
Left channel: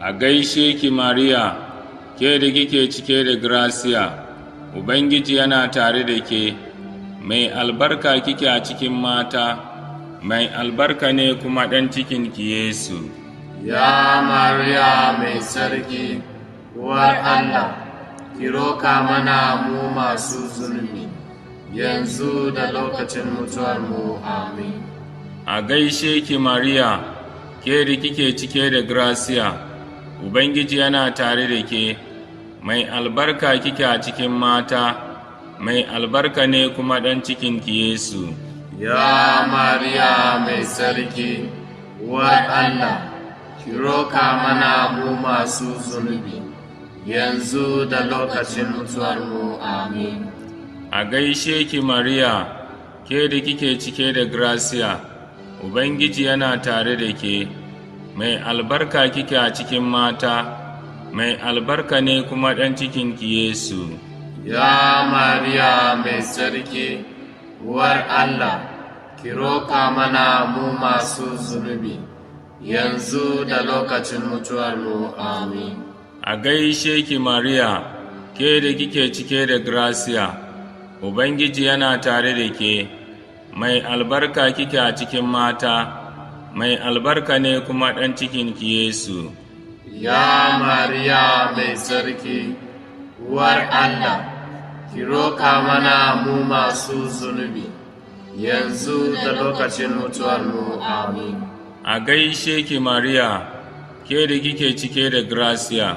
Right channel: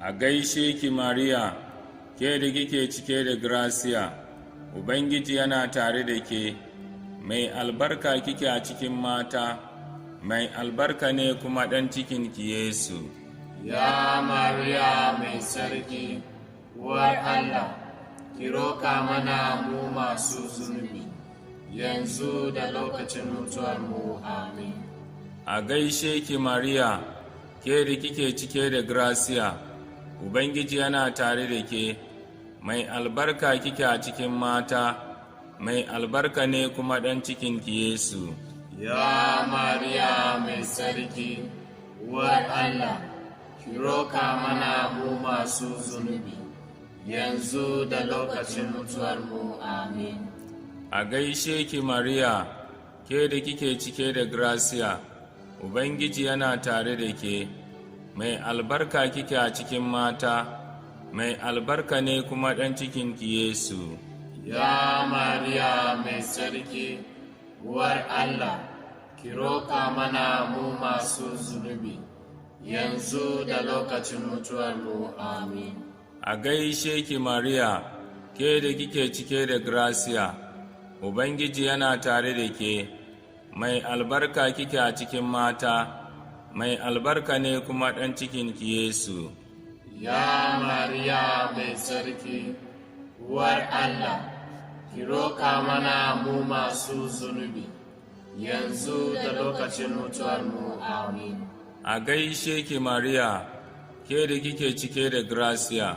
A gaishe ki Mariya, ke da kike cike da gracia, Ubangiji yana tare da ke, mai albarka kike a cikin mata, mai albarka ne kuma ɗan cikinki Yesu. Ya Mariya mai tsarki, uwar Allah, ki roka mana mu masu zunubi, yanzu da lokacin mutuwarmu. Amin. A gaishe ki Mariya, ke da kike cike da gracia, Ubangiji yana tare da ke, mai albarka kike a cikin mata, mai albarka ne kuma ɗan cikinki Yesu. Ya Mariya mai sarki, uwar Allah, ki roka mana mu masu zunubi, yanzu da lokacin mutuwarmu. Amin. A gaishe ki Mariya, ke da kike cike da gracia, Ubangiji yana tare da ke, mai albarka kike a cikin mata, mai albarka ne kuma ɗan cikinki Yesu. Ya Mariya mai sarki, uwar Allah, ki roka mana mu masu zunubi, yanzu da lokacin mutuwarmu. Amin. A gaishe ki Mariya, ke da kike cike da gracia, Ubangiji yana tare da ke, mai albarka kike a cikin mata, mai albarka ne kuma ɗan cikinki Yesu. Ya Mariya mai sarki, uwar Allah, ki roka mana mu masu zunubi, yanzu da lokacin mutuwarmu. Amin. A gaishe ki Mariya, ke da kike cike da gracia,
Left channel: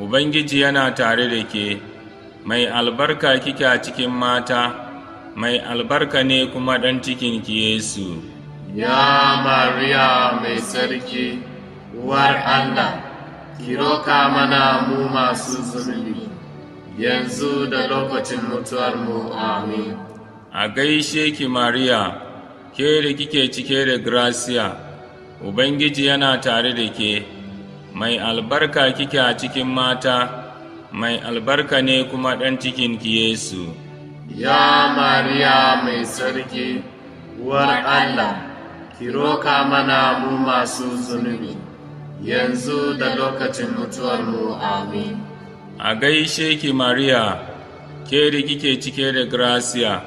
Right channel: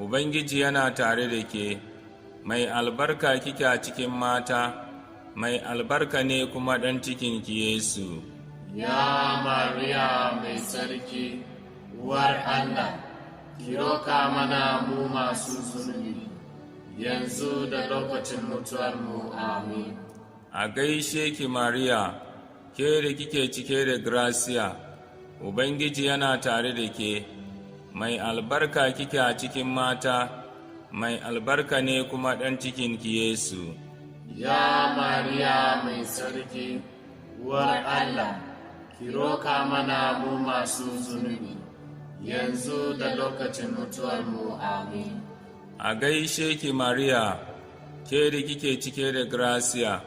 Ubangiji yana tare da ke, mai albarka kike a cikin mata, mai albarka ne kuma ɗan cikinki Yesu. Ya Mariya mai sarki, uwar Allah, ki roka mana mu masu zunubi, yanzu da lokacin mutuwarmu. Amin. A gaishe ki Mariya, ke da kike cike da gracia, Ubangiji yana tare da ke, mai albarka kike a cikin mata, mai albarka ne kuma ɗan cikinki Yesu. Ya Mariya mai sarki, uwar Allah, ki roka mana mu masu zunubi, yanzu da lokacin mutuwarmu. Amin. A gaishe ki Mariya, ke da kike cike da gracia,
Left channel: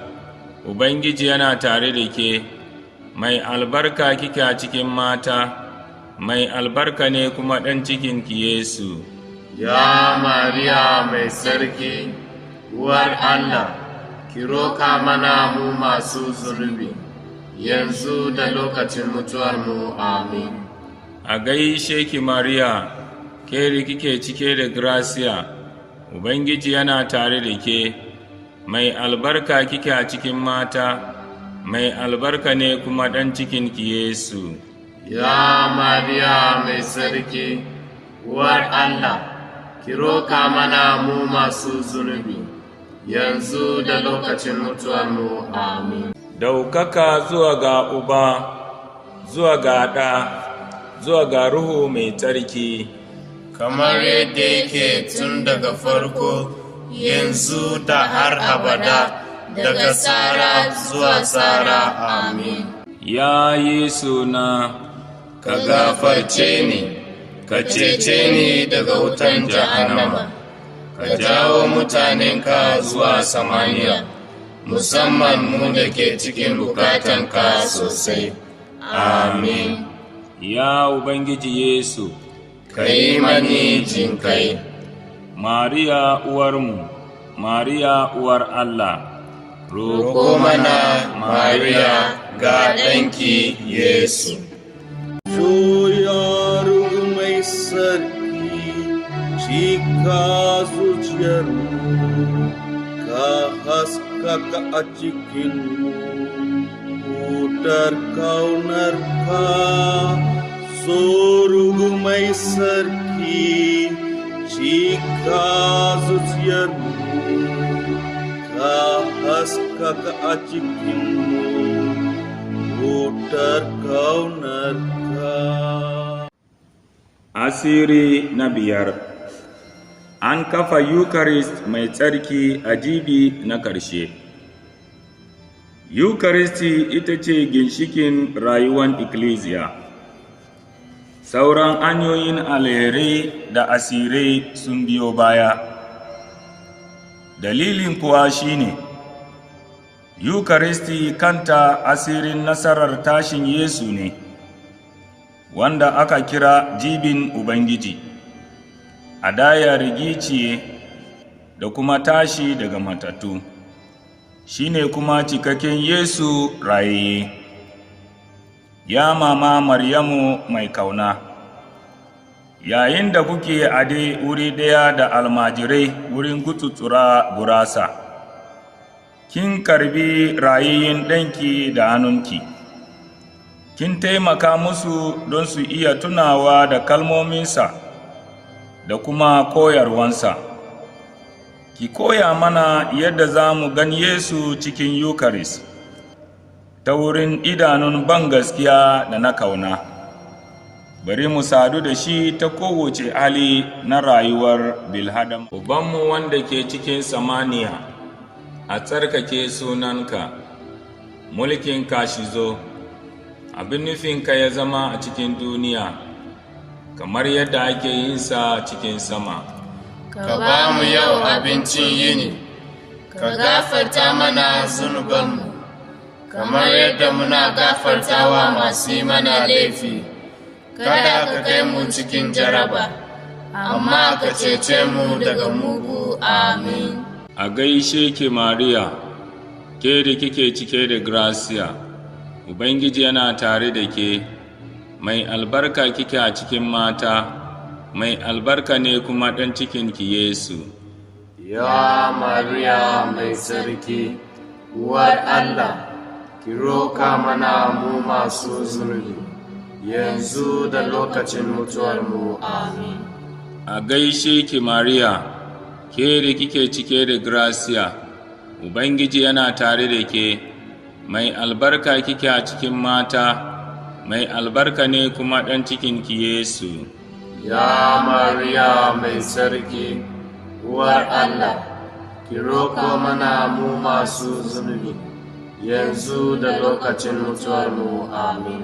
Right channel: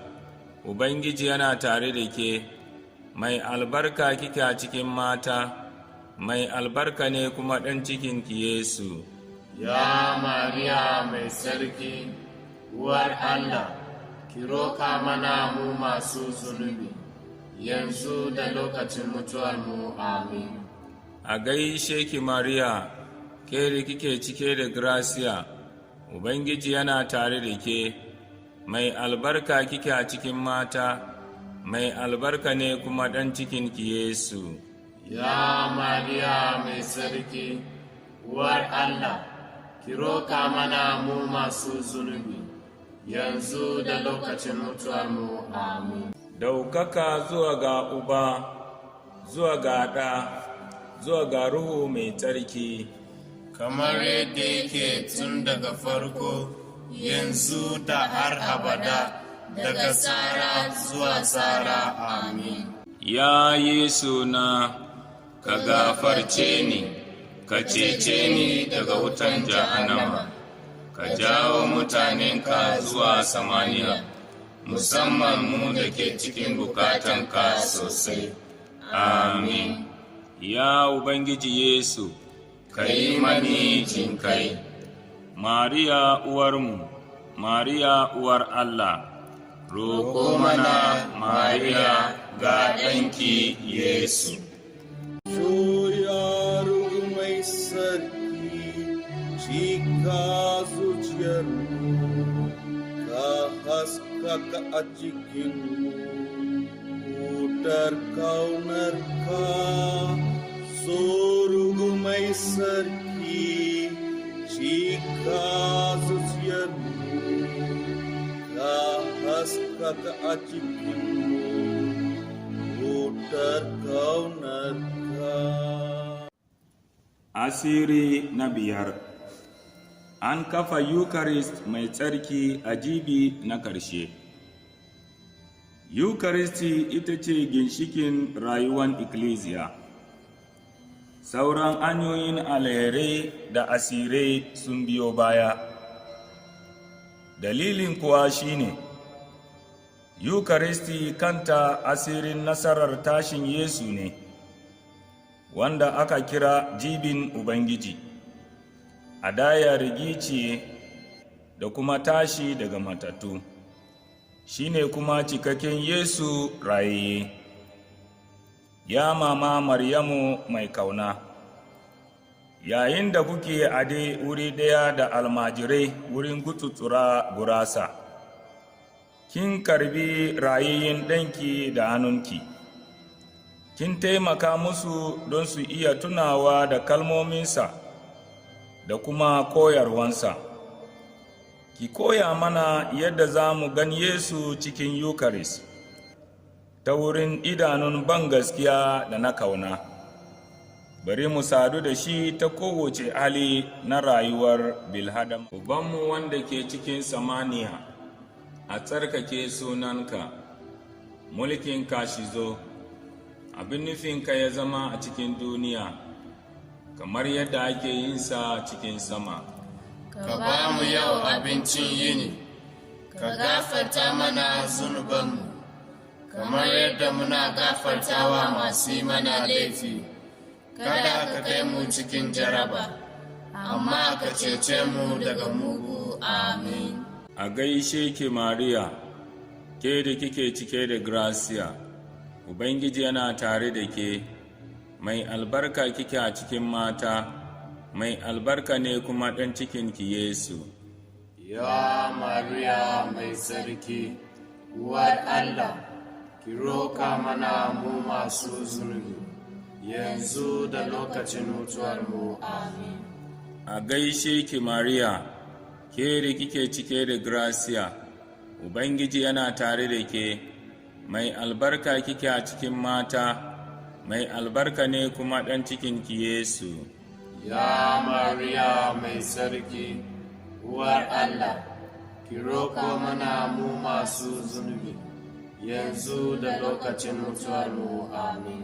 Ubangiji yana tare da ke, mai albarka kike a cikin mata, mai albarka ne kuma ɗan cikinki Yesu. Ya Mariya mai sarki, uwar Allah, ki roka mana mu masu zunubi, yanzu da lokacin mutuwarmu. Amin. A gaishe ki Mariya, ke da kike cike da gracia, Ubangiji yana tare da ke, mai albarka kike a cikin mata, mai albarka ne kuma ɗan cikinki Yesu. Ya Mariya mai sarki, uwar Allah, ki roka mana mu masu zunubi, yanzu da lokacin mutuwarmu. Amin. Daukaka zuwa ga Uba, zuwa ga Ɗa, zuwa ga Ruhu mai tsarki, kamar yadda yake tun daga farko, yanzu da har abada, daga tsara zuwa tsara. Amin. ya Yesu na, Ka gafarce ni, ka cece ni daga wutan jahannama, ka jawo mutanenka zuwa samaniya, musamman mu da ke cikin bukatanka sosai. Amin. ya Ubangiji Yesu, Ka yi mani jinkai. Mariya uwarmu, Mariya uwar Allah, Roƙo mana Mariya ga ɗanki Yesu. Soyar mai sarki, cika zuciyarmu, ka haskaka a cikinmu, wutar kaunarka. Soru mai sarki, cika zuciyarmu, ka haskaka a cikinmu, wutar kaunarka. Asiri na biyar. An kafa Eucharist mai tsarki a jibi na ƙarshe. Eucharisti ita ce ginshikin rayuwar ikkilisiya. Sauran hanyoyin alherai da asirai sun biyo baya. Dalilin kuwa shine, Eucharisti kanta asirin nasarar tashin Yesu ne, wanda aka kira jibin Ubangiji, hadaya rigiciye da kuma tashi daga matattu. shi ne kuma cikakken Yesu raye. Ya mama Maryamu mai kauna, yayin da kuke a dai wuri ɗaya da almajirai wurin gutsutsura gurasa, kin karbi rayayyen ɗanki da hannunki, kin taimaka musu don su iya tunawa da kalmominsa da kuma koyarwansa. Ki koya mana yadda za mu gan Yesu cikin Yukaris, ta wurin idanun bangaskiya da na kauna. Bari mu sadu da shi ta kowace hali na rayuwar bilhadam. Ubanmu wanda ke cikin samaniya, a tsarkake sunanka, mulkinka shi zo, abin nufinka ya zama a cikin duniya, kamar yadda ake yin sa cikin sama. Ka ba mu yau abincin yini, ka gafarta mana zunubanmu, kamar yadda muna gafartawa masu yi mana laifi. Kada ka kai mu cikin jaraba, amma ka cece mu daga mugu. Amin. A gaishe ki Mariya, ke da kike cike da gracia, Ubangiji yana tare da ke, mai albarka kike a cikin mata, mai albarka ne kuma ɗan cikinki Yesu. Ya Mariya mai tsarki, uwar Allah, ki roka mana mu masu zunubi, yanzu da lokacin mutuwarmu. Amin. A gaishe ki Mariya, ke da kike cike da gracia, Ubangiji yana tare da ke, mai albarka kike a cikin mata, mai albarka ne kuma ɗan cikinki Yesu. Ya Mariya mai tsarki, uwar Allah, ki roko mana mu masu zunubi, yanzu da lokacin mutuwarmu. Amin.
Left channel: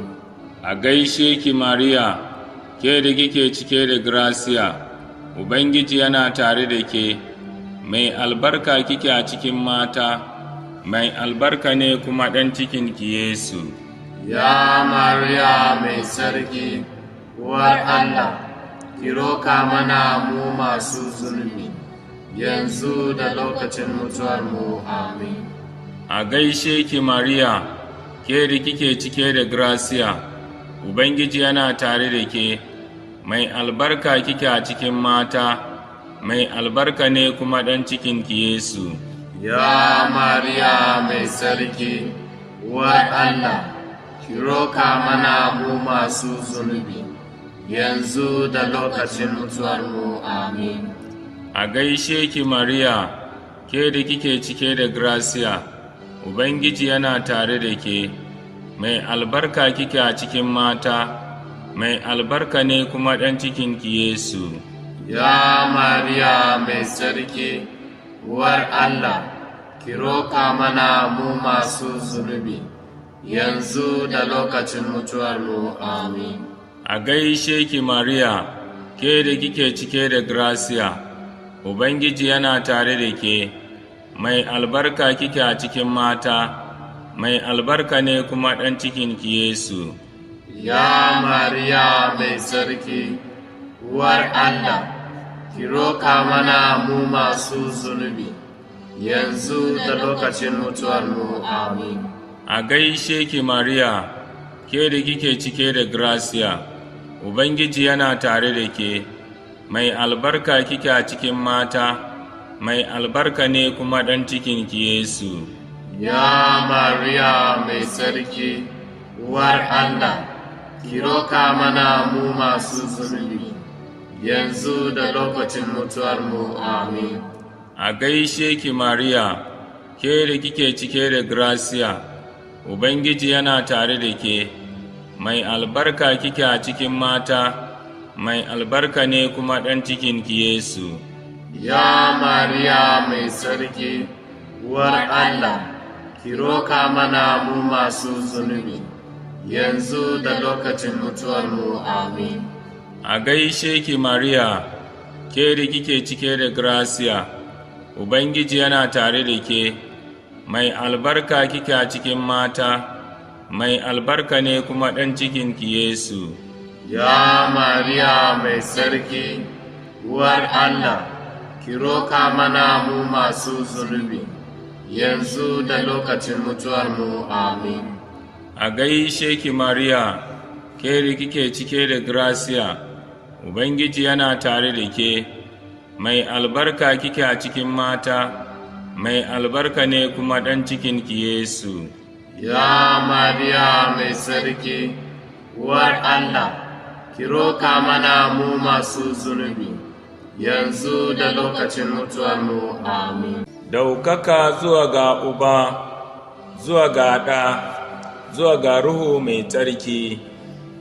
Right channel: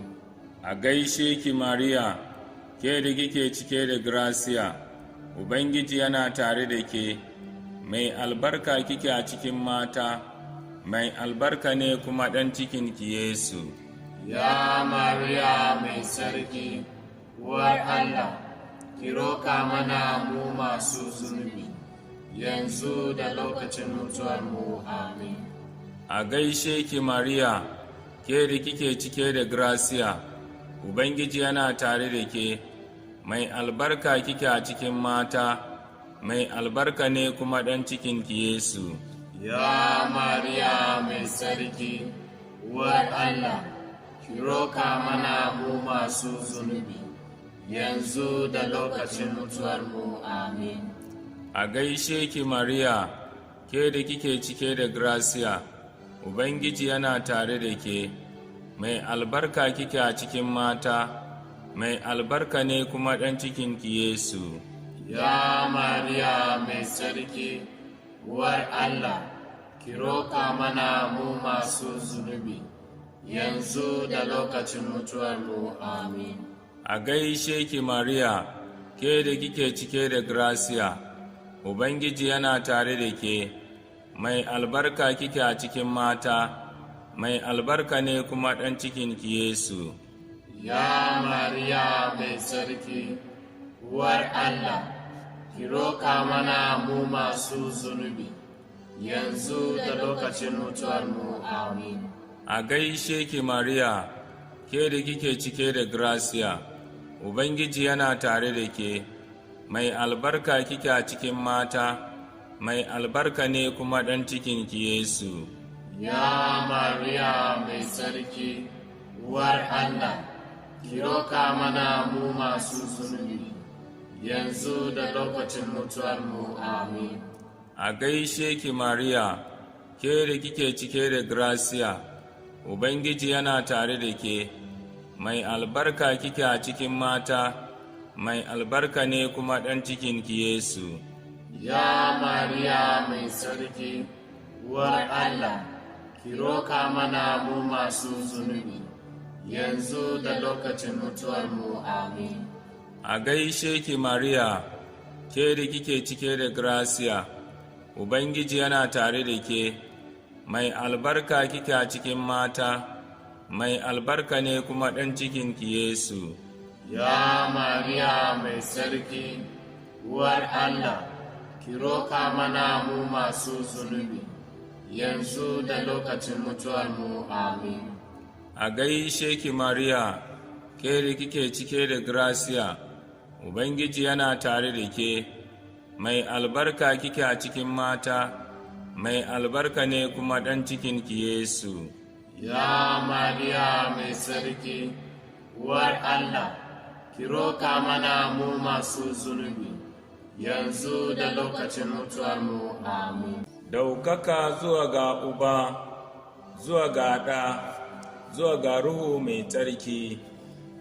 A gaishe ki Mariya, ke da kike cike da gracia, Ubangiji yana tare da ke, mai albarka kike a cikin mata, mai albarka ne kuma ɗan cikinki Yesu. Ya Mariya mai tsarki, uwar Allah, ki roka mana mu masu zunubi, yanzu da lokacin mutuwarmu. Amin. A gaishe ki Mariya, ke da kike cike da gracia, Ubangiji yana tare da ke, mai albarka kike a cikin mata, mai albarka ne kuma ɗan cikinki Yesu. Ya Mariya mai tsarki, uwar Allah, ki roka mana mu masu zunubi, yanzu da lokacin mutuwarmu. Amin. A gaishe ki Mariya, ke da kike cike da gracia, Ubangiji yana tare da ke, mai albarka kike a cikin mata, mai albarka ne kuma ɗan cikinki Yesu. Ya Mariya mai tsarki, uwar Allah, ki roka mana mu masu zunubi, yanzu da lokacin mutuwarmu. Amin. A gaishe ki Mariya, ke da kike cike da gracia, Ubangiji yana tare da ke, mai albarka kike a cikin mata, mai albarka ne kuma ɗan cikinki Yesu. Ya Mariya mai tsarki, uwar Allah, ki roka mana mu masu zunubi, yanzu da lokacin mutuwarmu. Amin. A gaishe ki Mariya, ke da kike cike da gracia, Ubangiji yana tare da ke, mai albarka kike a cikin mata, mai albarka ne kuma ɗan cikinki Yesu. Ya Mariya mai tsarki, uwar Allah, ki roka mana mu masu zunubi, yanzu da lokacin mutuwarmu. Amin. A gaishe ki Mariya, ke da kike cike da gracia, Ubangiji yana tare da ke, mai albarka kike a cikin mata, mai albarka ne kuma ɗan cikinki Yesu. Ya Mariya mai tsarki, uwar Allah, ki roka mana mu masu zunubi, yanzu da lokacin mutuwarmu. Amin. A gaishe ki Mariya, ke da kike cike da gracia, Ubangiji yana tare da ke, mai albarka kike a cikin mata, mai albarka ne kuma ɗan cikinki Yesu. Ya Mariya mai tsarki, uwar Allah, ki roka mana mu masu zunubi, yanzu da lokacin mutuwarmu. Amin. A gaishe ki Mariya, ke kike cike da gracia, Ubangiji yana tare da ke, mai albarka kike a cikin mata, mai albarka ne kuma ɗan cikinki Yesu. Ya Mariya mai sarki, uwar Allah, ki roka mana mu masu zunubi, yanzu da lokacin mutuwarmu. Amin. Daukaka zuwa ga Uba, zuwa ga Ɗa, zuwa ga Ruhu mai tsarki,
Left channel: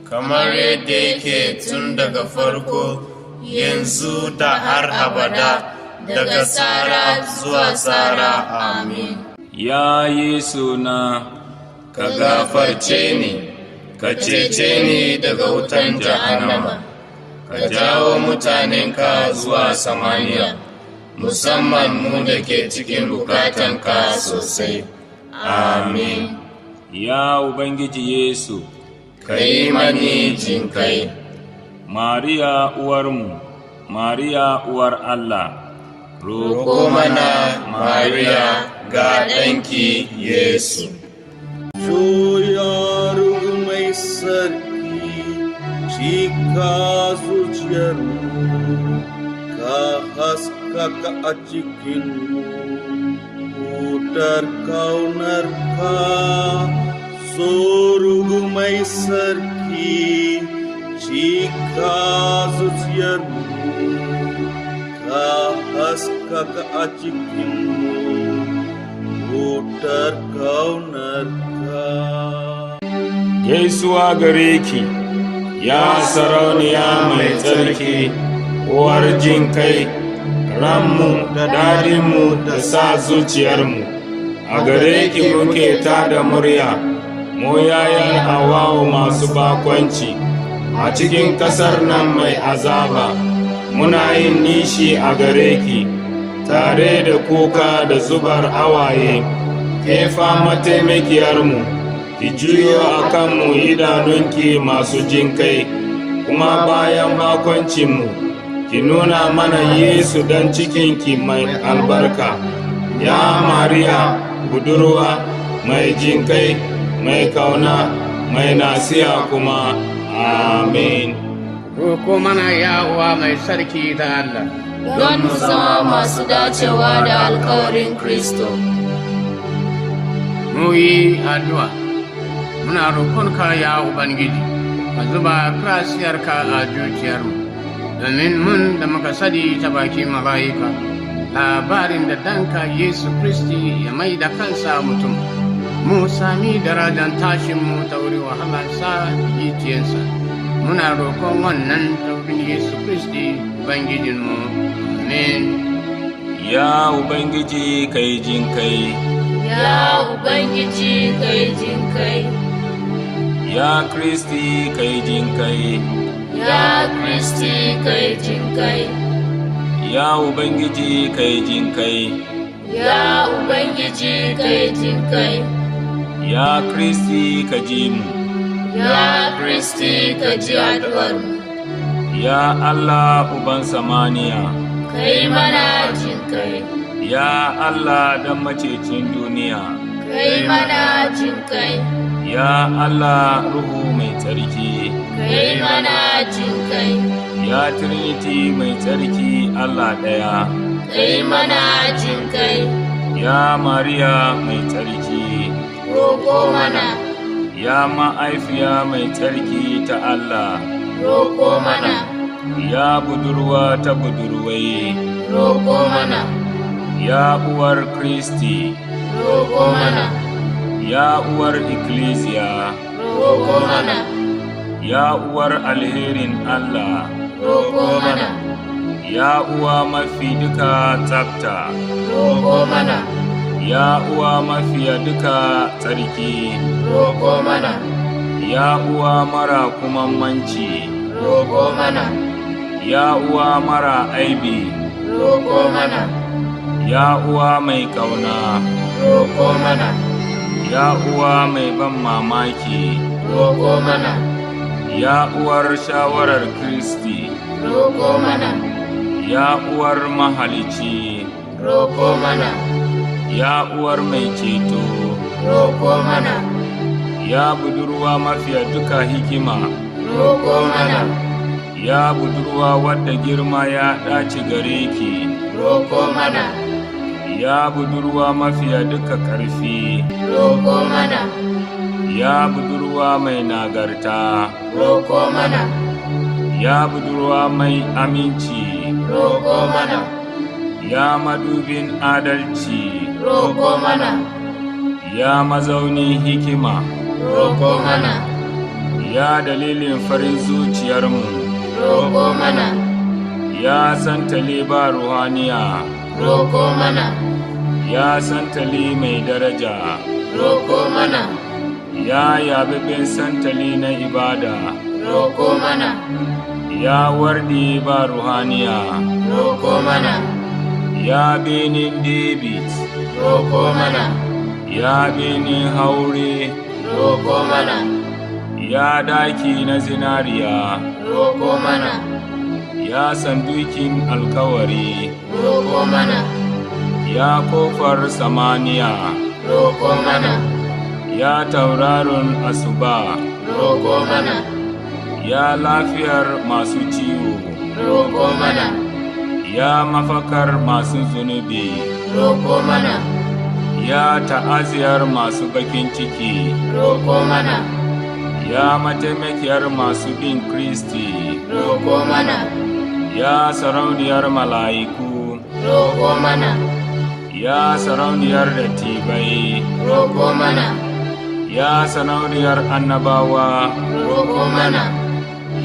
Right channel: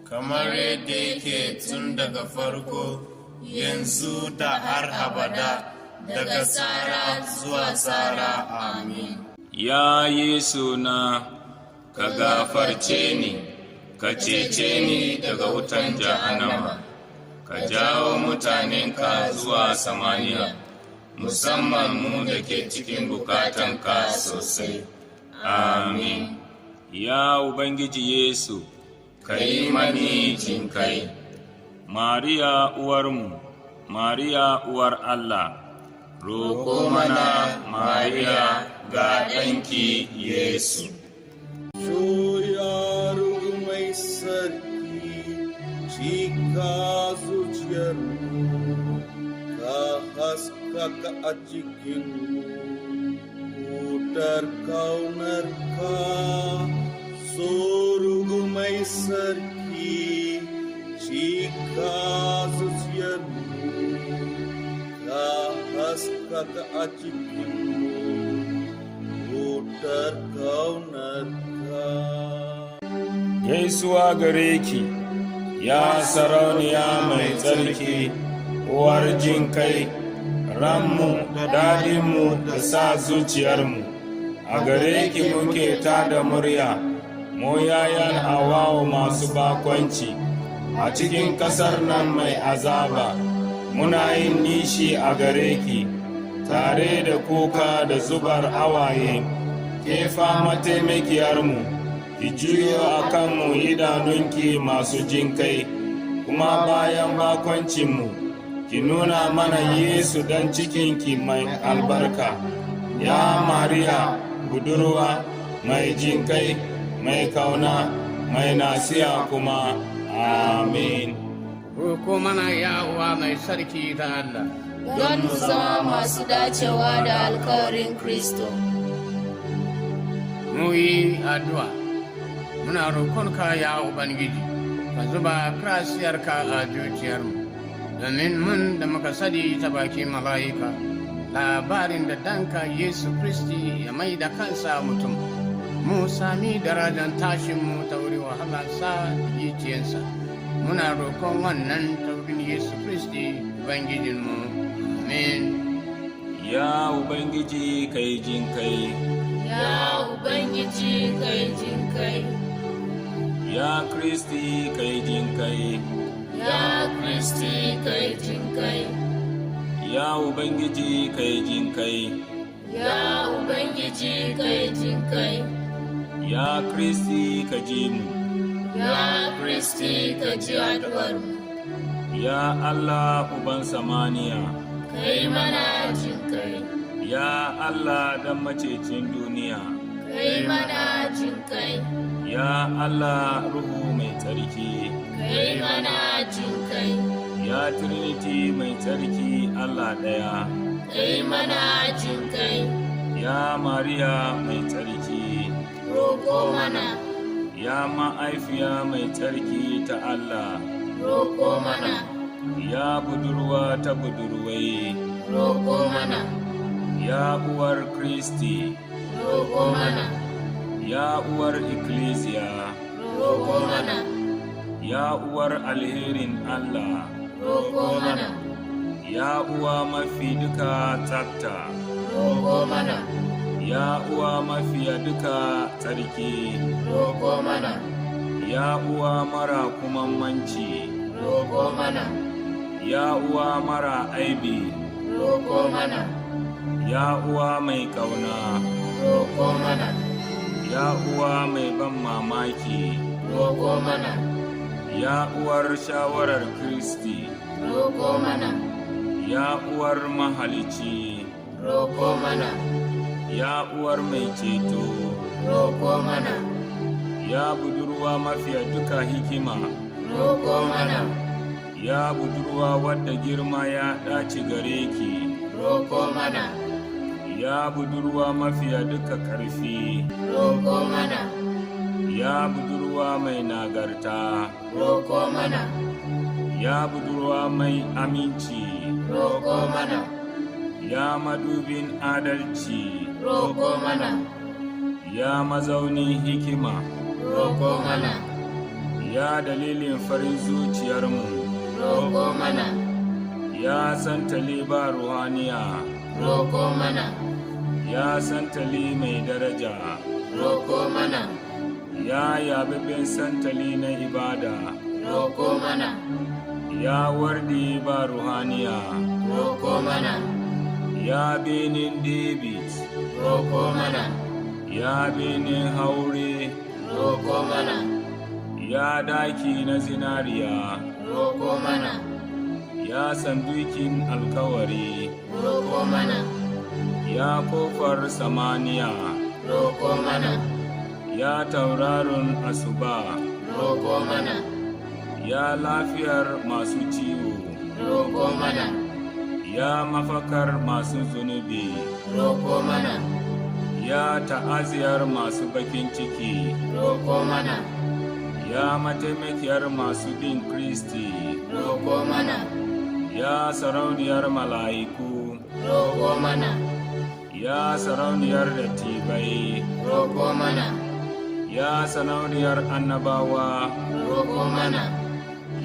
kamar yadda yake tun daga farko, yanzu da har abada, daga tsara zuwa tsara. Amin. Ya Yesu na, ka gafarce ni, ka cece ni daga wutan jahannama, ka jawo mutanenka zuwa samaniya, musamman mu da ke cikin bukatanka sosai. Amin. ya Ubangiji Yesu, Ka yi mani jinkai. Mariya uwarmu, Mariya uwar Allah, Roƙo mana Mariya ga ɗanki Yesu. Soyarug mai sarki, cika zuciyarmu, ka haskaka a cikinmu, wutar kaunarka. Sorug mai sarki, cika zuciyarmu, ka haskaka a cikinmu, wutar kaunarka. gaisuwa gare ki, ya sarauniya mai tsarki, uwar jin kai, ranmu da dadinmu da sa zuciyarmu, a gare ki muke tada murya, mu yayan Hawwa'u masu bakwanci, a cikin ƙasar nan mai azaba, muna yin nishi a gare ki, tare da kuka da zubar hawaye, ke fama taimakiyarmu. Ki juyo a kanmu idanunki masu jinkai, kuma bayan bakoncinmu, ki nuna mana Yesu dan cikinki mai albarka. Ya Mariya, budurwa, mai jinkai, mai kauna, mai nasiya kuma. Amin. Roko mana ya uwa mai sarki ta Allah, don mu zama masu dacewa da alkawarin Kristo. mu yi addu'a. Muna roƙonka ya Ubangiji, ka zuba krasiyarka a zuciyarmu, domin mun da muka sani ta baki mala'ika labarin da danka Yesu Kristi ya mai da kansa mutum, mu sami darajar tashinmu ta wuri wahalarsa da gicciyensa. Muna roƙon wannan ta wurin Yesu Kristi Ubangijinmu. Amen. Ya Ubangiji kai jinkai, Ya Ubangiji kai jinkai, ya Kristi kai jinkai, ya Kristi kai jinkai, ya Ubangiji kai jinkai, ya Ubangiji kai jinkai, ya Kristi ka ji mu, ya Kristi ka ji addu'armu, ya Allah Uban samaniya, kai mana jinkai, ya Allah dan macecin duniya, kai mana jinkai, ya Allah Ruhu mai tsarki, kai mana jinkai, ya Trinity mai tsarki Allah ɗaya, kai mana jinkai, ya Mariya mai tsarki, roƙo mana, ya ma'aifiya mai tsarki ta Allah, roƙo mana, ya budurwa ta budurwai, roƙo mana, ya uwar Kristi, roƙo mana, ya uwar ikkilisiya, roƙo mana, ya uwar alherin Allah, roƙo mana, ya uwa mafi duka tsafta, roƙo mana, ya uwa mafiya duka tsarki, roƙo mana, ya uwa mara kumamanci, roƙo mana, ya uwa mara aibi, roƙo mana, ya uwa mai ƙauna, roƙo mana, ya uwa mai ban mamaki, roƙo mana, ya uwar shawarar Kristi, roƙo mana, ya uwar mahalici, roƙo mana, ya uwar mai ceto, roko mana. ya budurwa mafiya duka hikima, Roko mana. ya budurwa wadda girma ya ɗaci gare ki, Roko mana. ya budurwa mafiya duka ƙarfi, Roko mana. ya budurwa mai nagarta, Roko mana. ya budurwa mai aminci, Roko mana. ya madubin adalci, Roko mana. ya mazaunin hikima, Roko mana. ya dalilin farin zuciyarmu, Roko mana. ya santali ba ruhaniya, Roko mana. ya santali mai daraja, Roko mana. ya yabibin santali na ibada, Roko mana. ya wardi ba ruhaniya, Roko mana. ya benin David, Roko mana. ya benin haure, Roko mana. ya daki na zinariya, Roko mana. ya sandukin alkawari, Roko mana. ya kofar samaniya, Roko mana. ya tauraron asuba, Roko mana. ya lafiyar masu ciwo, Roko mana. ya mafakar masu zunubi, Roko mana. ya ta'aziyar masu bakin ciki, Roko mana. ya mataimakiyar masu bin Kristi, Roko mana. ya sarauniyar mala'iku, Roko mana. ya sarauniyar dattibai, Roko mana. ya sarauniyar annabawa, Roko mana.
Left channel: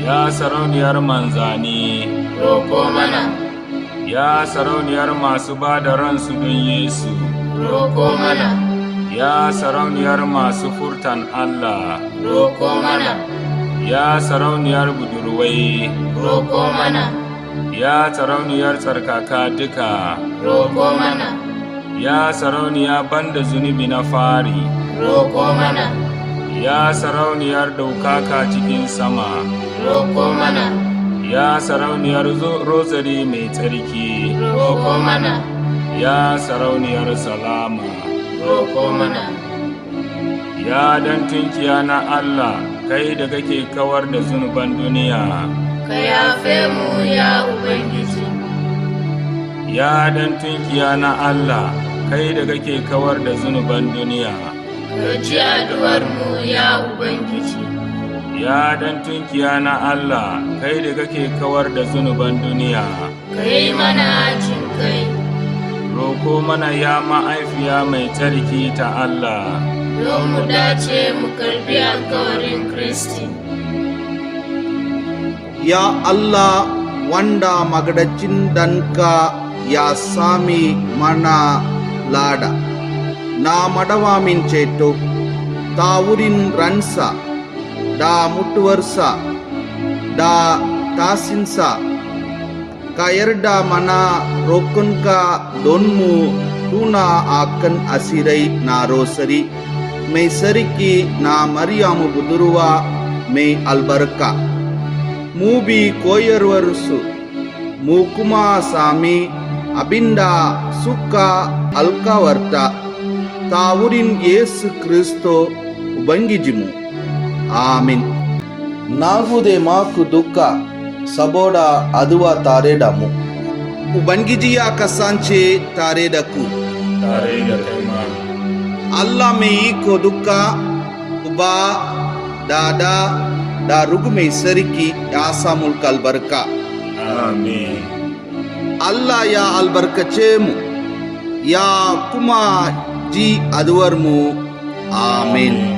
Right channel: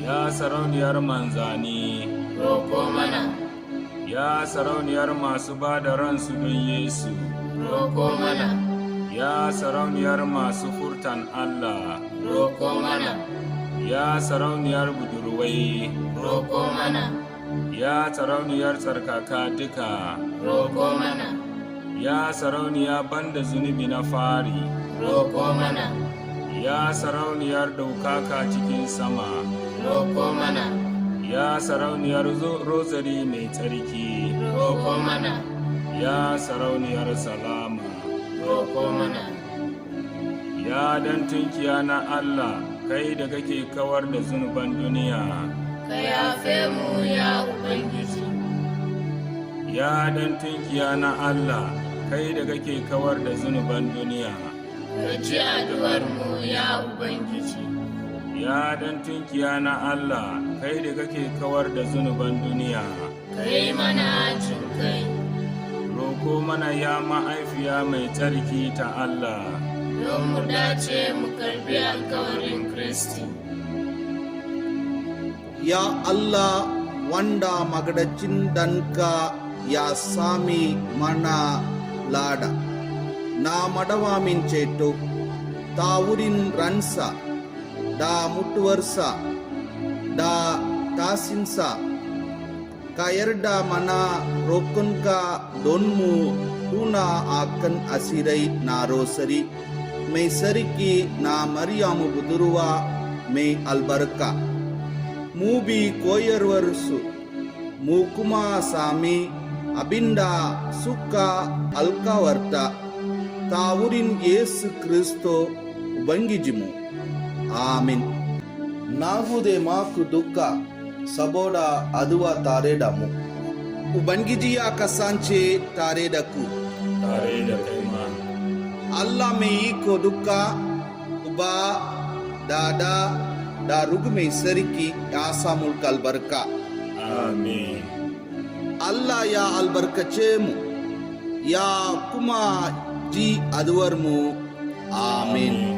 ya sarauniyar manzani, Roko mana. ya sarauniyar masu ba da ransu don Yesu, Roko mana. ya sarauniyar masu furtan Allah, Roko mana. ya sarauniyar budurwai, Roko mana. ya sarauniyar tsarkaka duka, Roko mana. ya sarauniya banda zunubi na fari, Roko mana. ya sarauniyar daukaka cikin sama, Roko mana. ya sarauniyar rozari mai tsarki, Roko mana. ya sarauniyar salama, Roko mana. ya dan tunkiya na Allah, kai da kake kawar da zunuban duniya, Ka yafe mu ya Ubangiji. ya dan tunkiya na Allah, kai da kake kawar da zunuban duniya, Ka ji addu'ar mu ya Ubangiji. ya dan tunkiya na Allah, kai da kake kawar da zunuban duniya, Ka yi mana jin kai. roko mana ya ma'aifiya mai tsarki ta Allah, Don mu dace mu karbi alkawarin Kristi. Ya Allah, wanda magadacin danka ya sami mana lada na madawa min ceto ta wurin ransa da mutuwarsa da tasinsa, ka yarda mana roƙonka don mu tuna akan asirai na rosari mai sarki na Maryamu budurwa mai albarka. Mu bi koyarwarsu, mu kuma sami abinda suka alkawarta ta wurin Yesu Kristo Ubangijinmu. Amin. Na gode maku duka saboda addu'a tare da mu. Ubangiji ya kasance tare da ku. tare da kai ma. Allah mai iko duka, Uba, Dada, da Rugu mai sarki ya sa mulka albarka. Amin. Allah ya albarkace mu, ya kuma ji addu'ar mu. Amin.